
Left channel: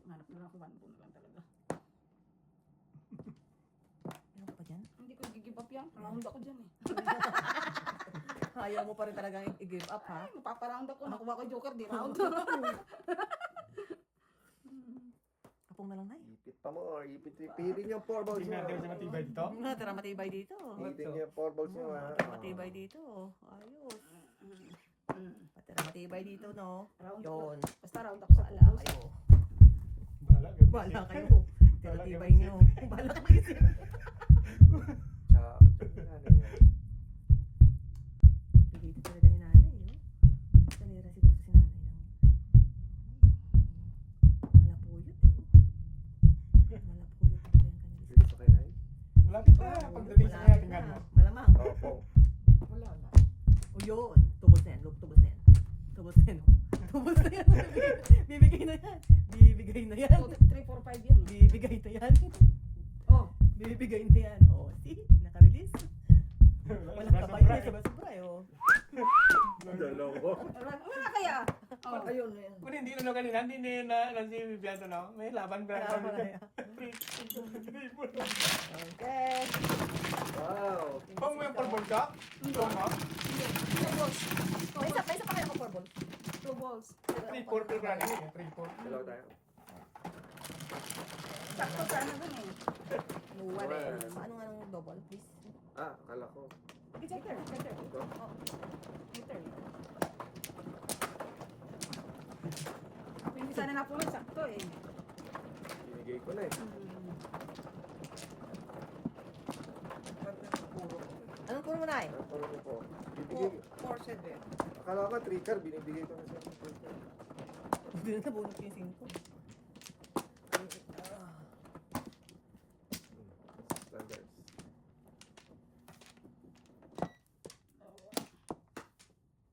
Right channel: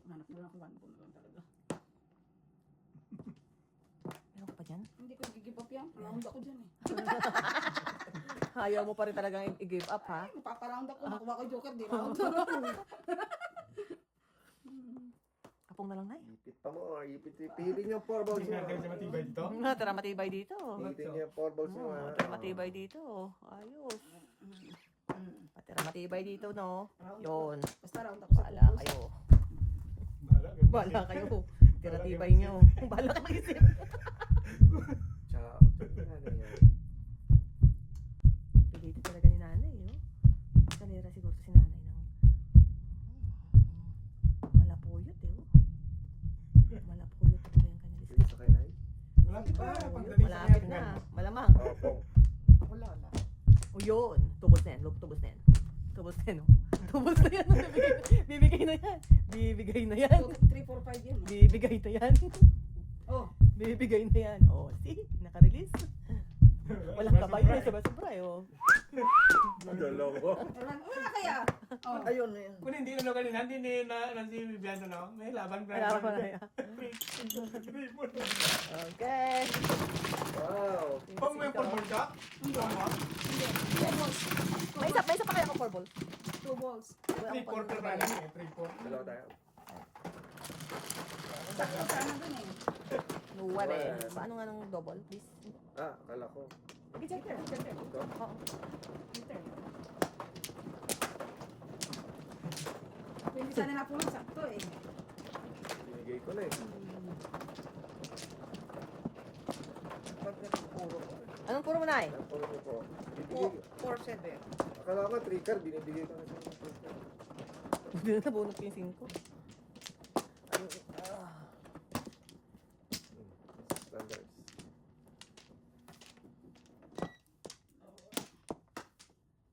Hanap na lang ako one ball na lang talaga. Meron ka pa dyan? Hindi ko give up yan. Round ako dyan eh. Ayaw mo pa rin talaga i-give up ha? Ay, mapaparound ako. Nakuha ko joker, di round. Kapong na lang na Ipit pa mo. Ipit. Pihitin yung 4 balls Tingnan nyo. natin sa matibay dito. Tara matibay dito. Pihitin nyo yung 4 balls nyo ha. Matibay dito. Ayos. Matira matibay dito no. Round ako. Yun. Basta round ako sa Wala balls. kayo. Bahala kayo. Tira-tibay niyo. Bahala kayo mag-isip. Ciao. Ano yan? Pilitin talaga ni nanay, no? Kalera siguro si nanay ng malapuyot, eh. Malapuyot talaga yung kanya. Sige sa kanay? Malapit pa. Pagdating sa Malapit kanya. na. Malamang. Opo. Wala na. O yun. Tubos na yan. Tubos na yan. Tubos na yan, no? Tubos na yan. Bibigay na yan. Bibigay na yan. 3, 4, 5 yan. Bibigay na yan. Oh, Bibigay na yan. O, see? Naka-release. Walang kapay na. Sobra-sobra, oh. Dalawa. wala na kaya. Oh, Ayun na yun. Kung hindi na kanina, hindi na si Bibiano na. May laban pa. Wala pa na yan. Okay. Wow. Kung may pulbon ka, May isa pa kayo ako, ball. 2 balls. 3-4 na rin eh. 3-4. Dalawa tayo. Sakto sana dun eh. Luwa na yan. Paano nga ng double, please? Ah, akala ko. Check it. Ito. Hindi sana napulot, sakto eh. Binigay ko na eh. Anong puro mo na eh? Napuro ko po. Bibigay. 4, 7. Akala ko 3 car, binibigay ko na sa mga 3 car. Hindi na nabunot ko yung 5. Standards.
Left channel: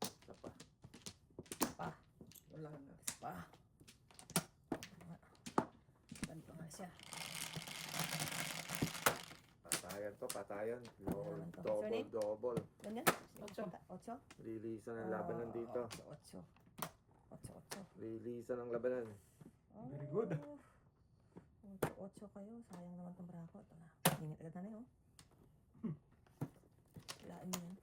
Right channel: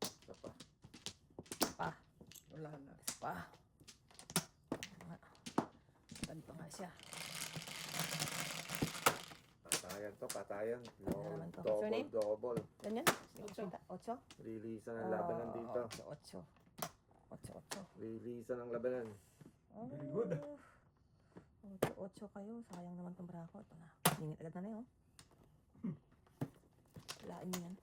Isa pa. Wala na. Pa. Ganito nga siya. Patayan to, patayan. naman to. Double, Surname? double. Ganyan? 8? Releasean ng labanan dito. 8. 8. Releasean ng labanan. Very good. 8 kayo. Sayang naman itong brako. Ito na. Ingit agad na na yun. Lain mo yan.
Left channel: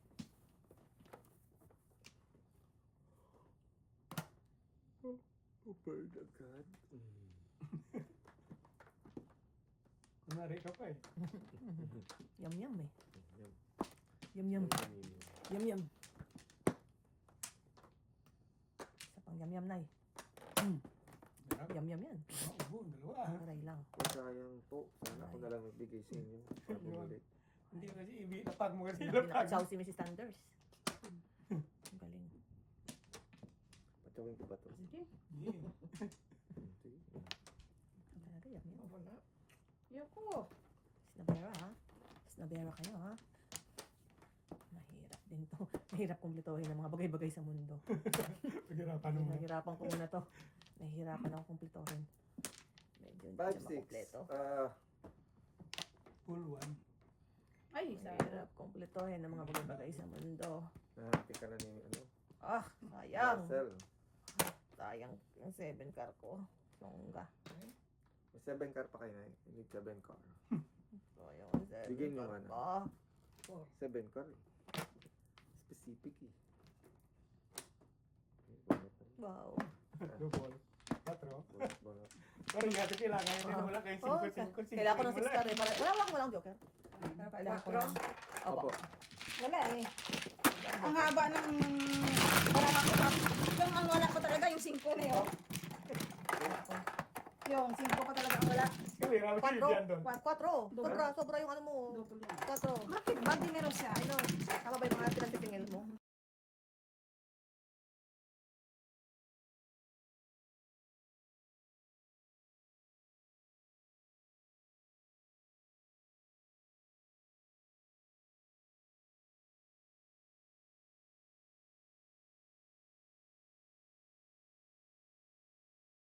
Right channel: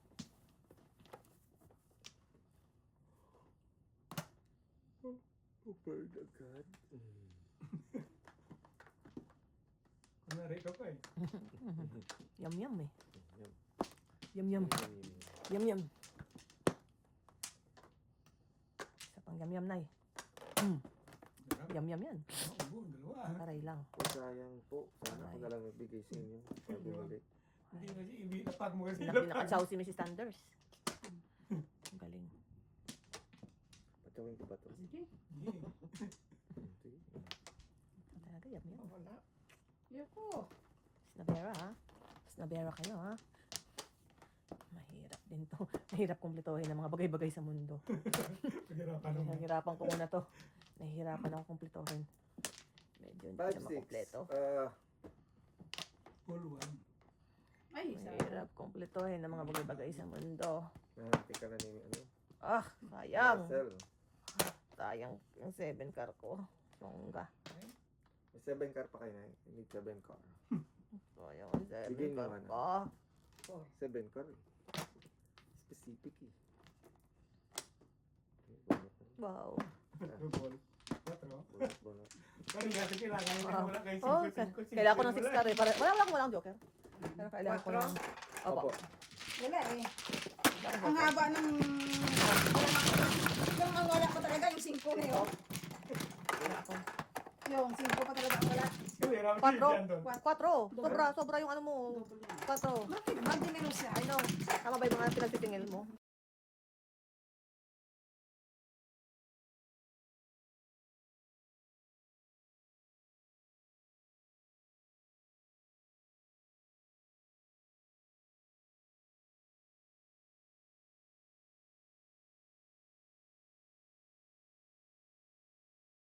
Upper agad. Kunwari ka pa eh. Yum yum eh. Yum. Yum yum. Yum yum. Isa pang yum yum na eh. Yum yum yan. Dalawa. Taray lang. Oh, sayang po. Sana ako na lang nagbigay sa inyo. Para bumalik. Hindi kasi ibinapag mo kasi Pinakadsaw si Mrs. Sanders. Ang galing. Patawin ko ba to? Sige. Hindi. Talaga yum yum. Wala. Yoko. Snabera ha? Snabera kayo ha? Mahirap din to. Mahirap kumplituhin ang mga bagay-bagay sa mundo. Pagkirapan mo. Nahihirapan ko muna to. Nahihirapan ako kumplituhin. Medyo hindi 5, siya 6. makumpleto. Full one. Ay, sayang. Mahirap kumplituhin ang mga bagay-bagay sa mundo. Nahanti ka na ni ano? Ah, sayang. Marcel. Sayang yung 7 car ko. Songga. May 7 car pa kayo na. Hindi 7 car. Sayang yung 7 Bigyan nyo car nga na. ko. 7 car eh. Specific eh. Bunot na. Wow. Bunot, bunot. Pero hindi kasi kailangan hindi mo wala kayo Oh, 5. kailangan ko ng 6 car eh. Walang joker. Kailangan ko ng... Opo. Wala eh. Ang haba ng... Ang wala ko talaga yung 5 na yun. Yung 5 pa talaga ang wala. Kalira mo si Bibian doon. 4. Sobra yung ano mo. 4. Bakit ba dinero siya? I know. Tama ba yung mga pinag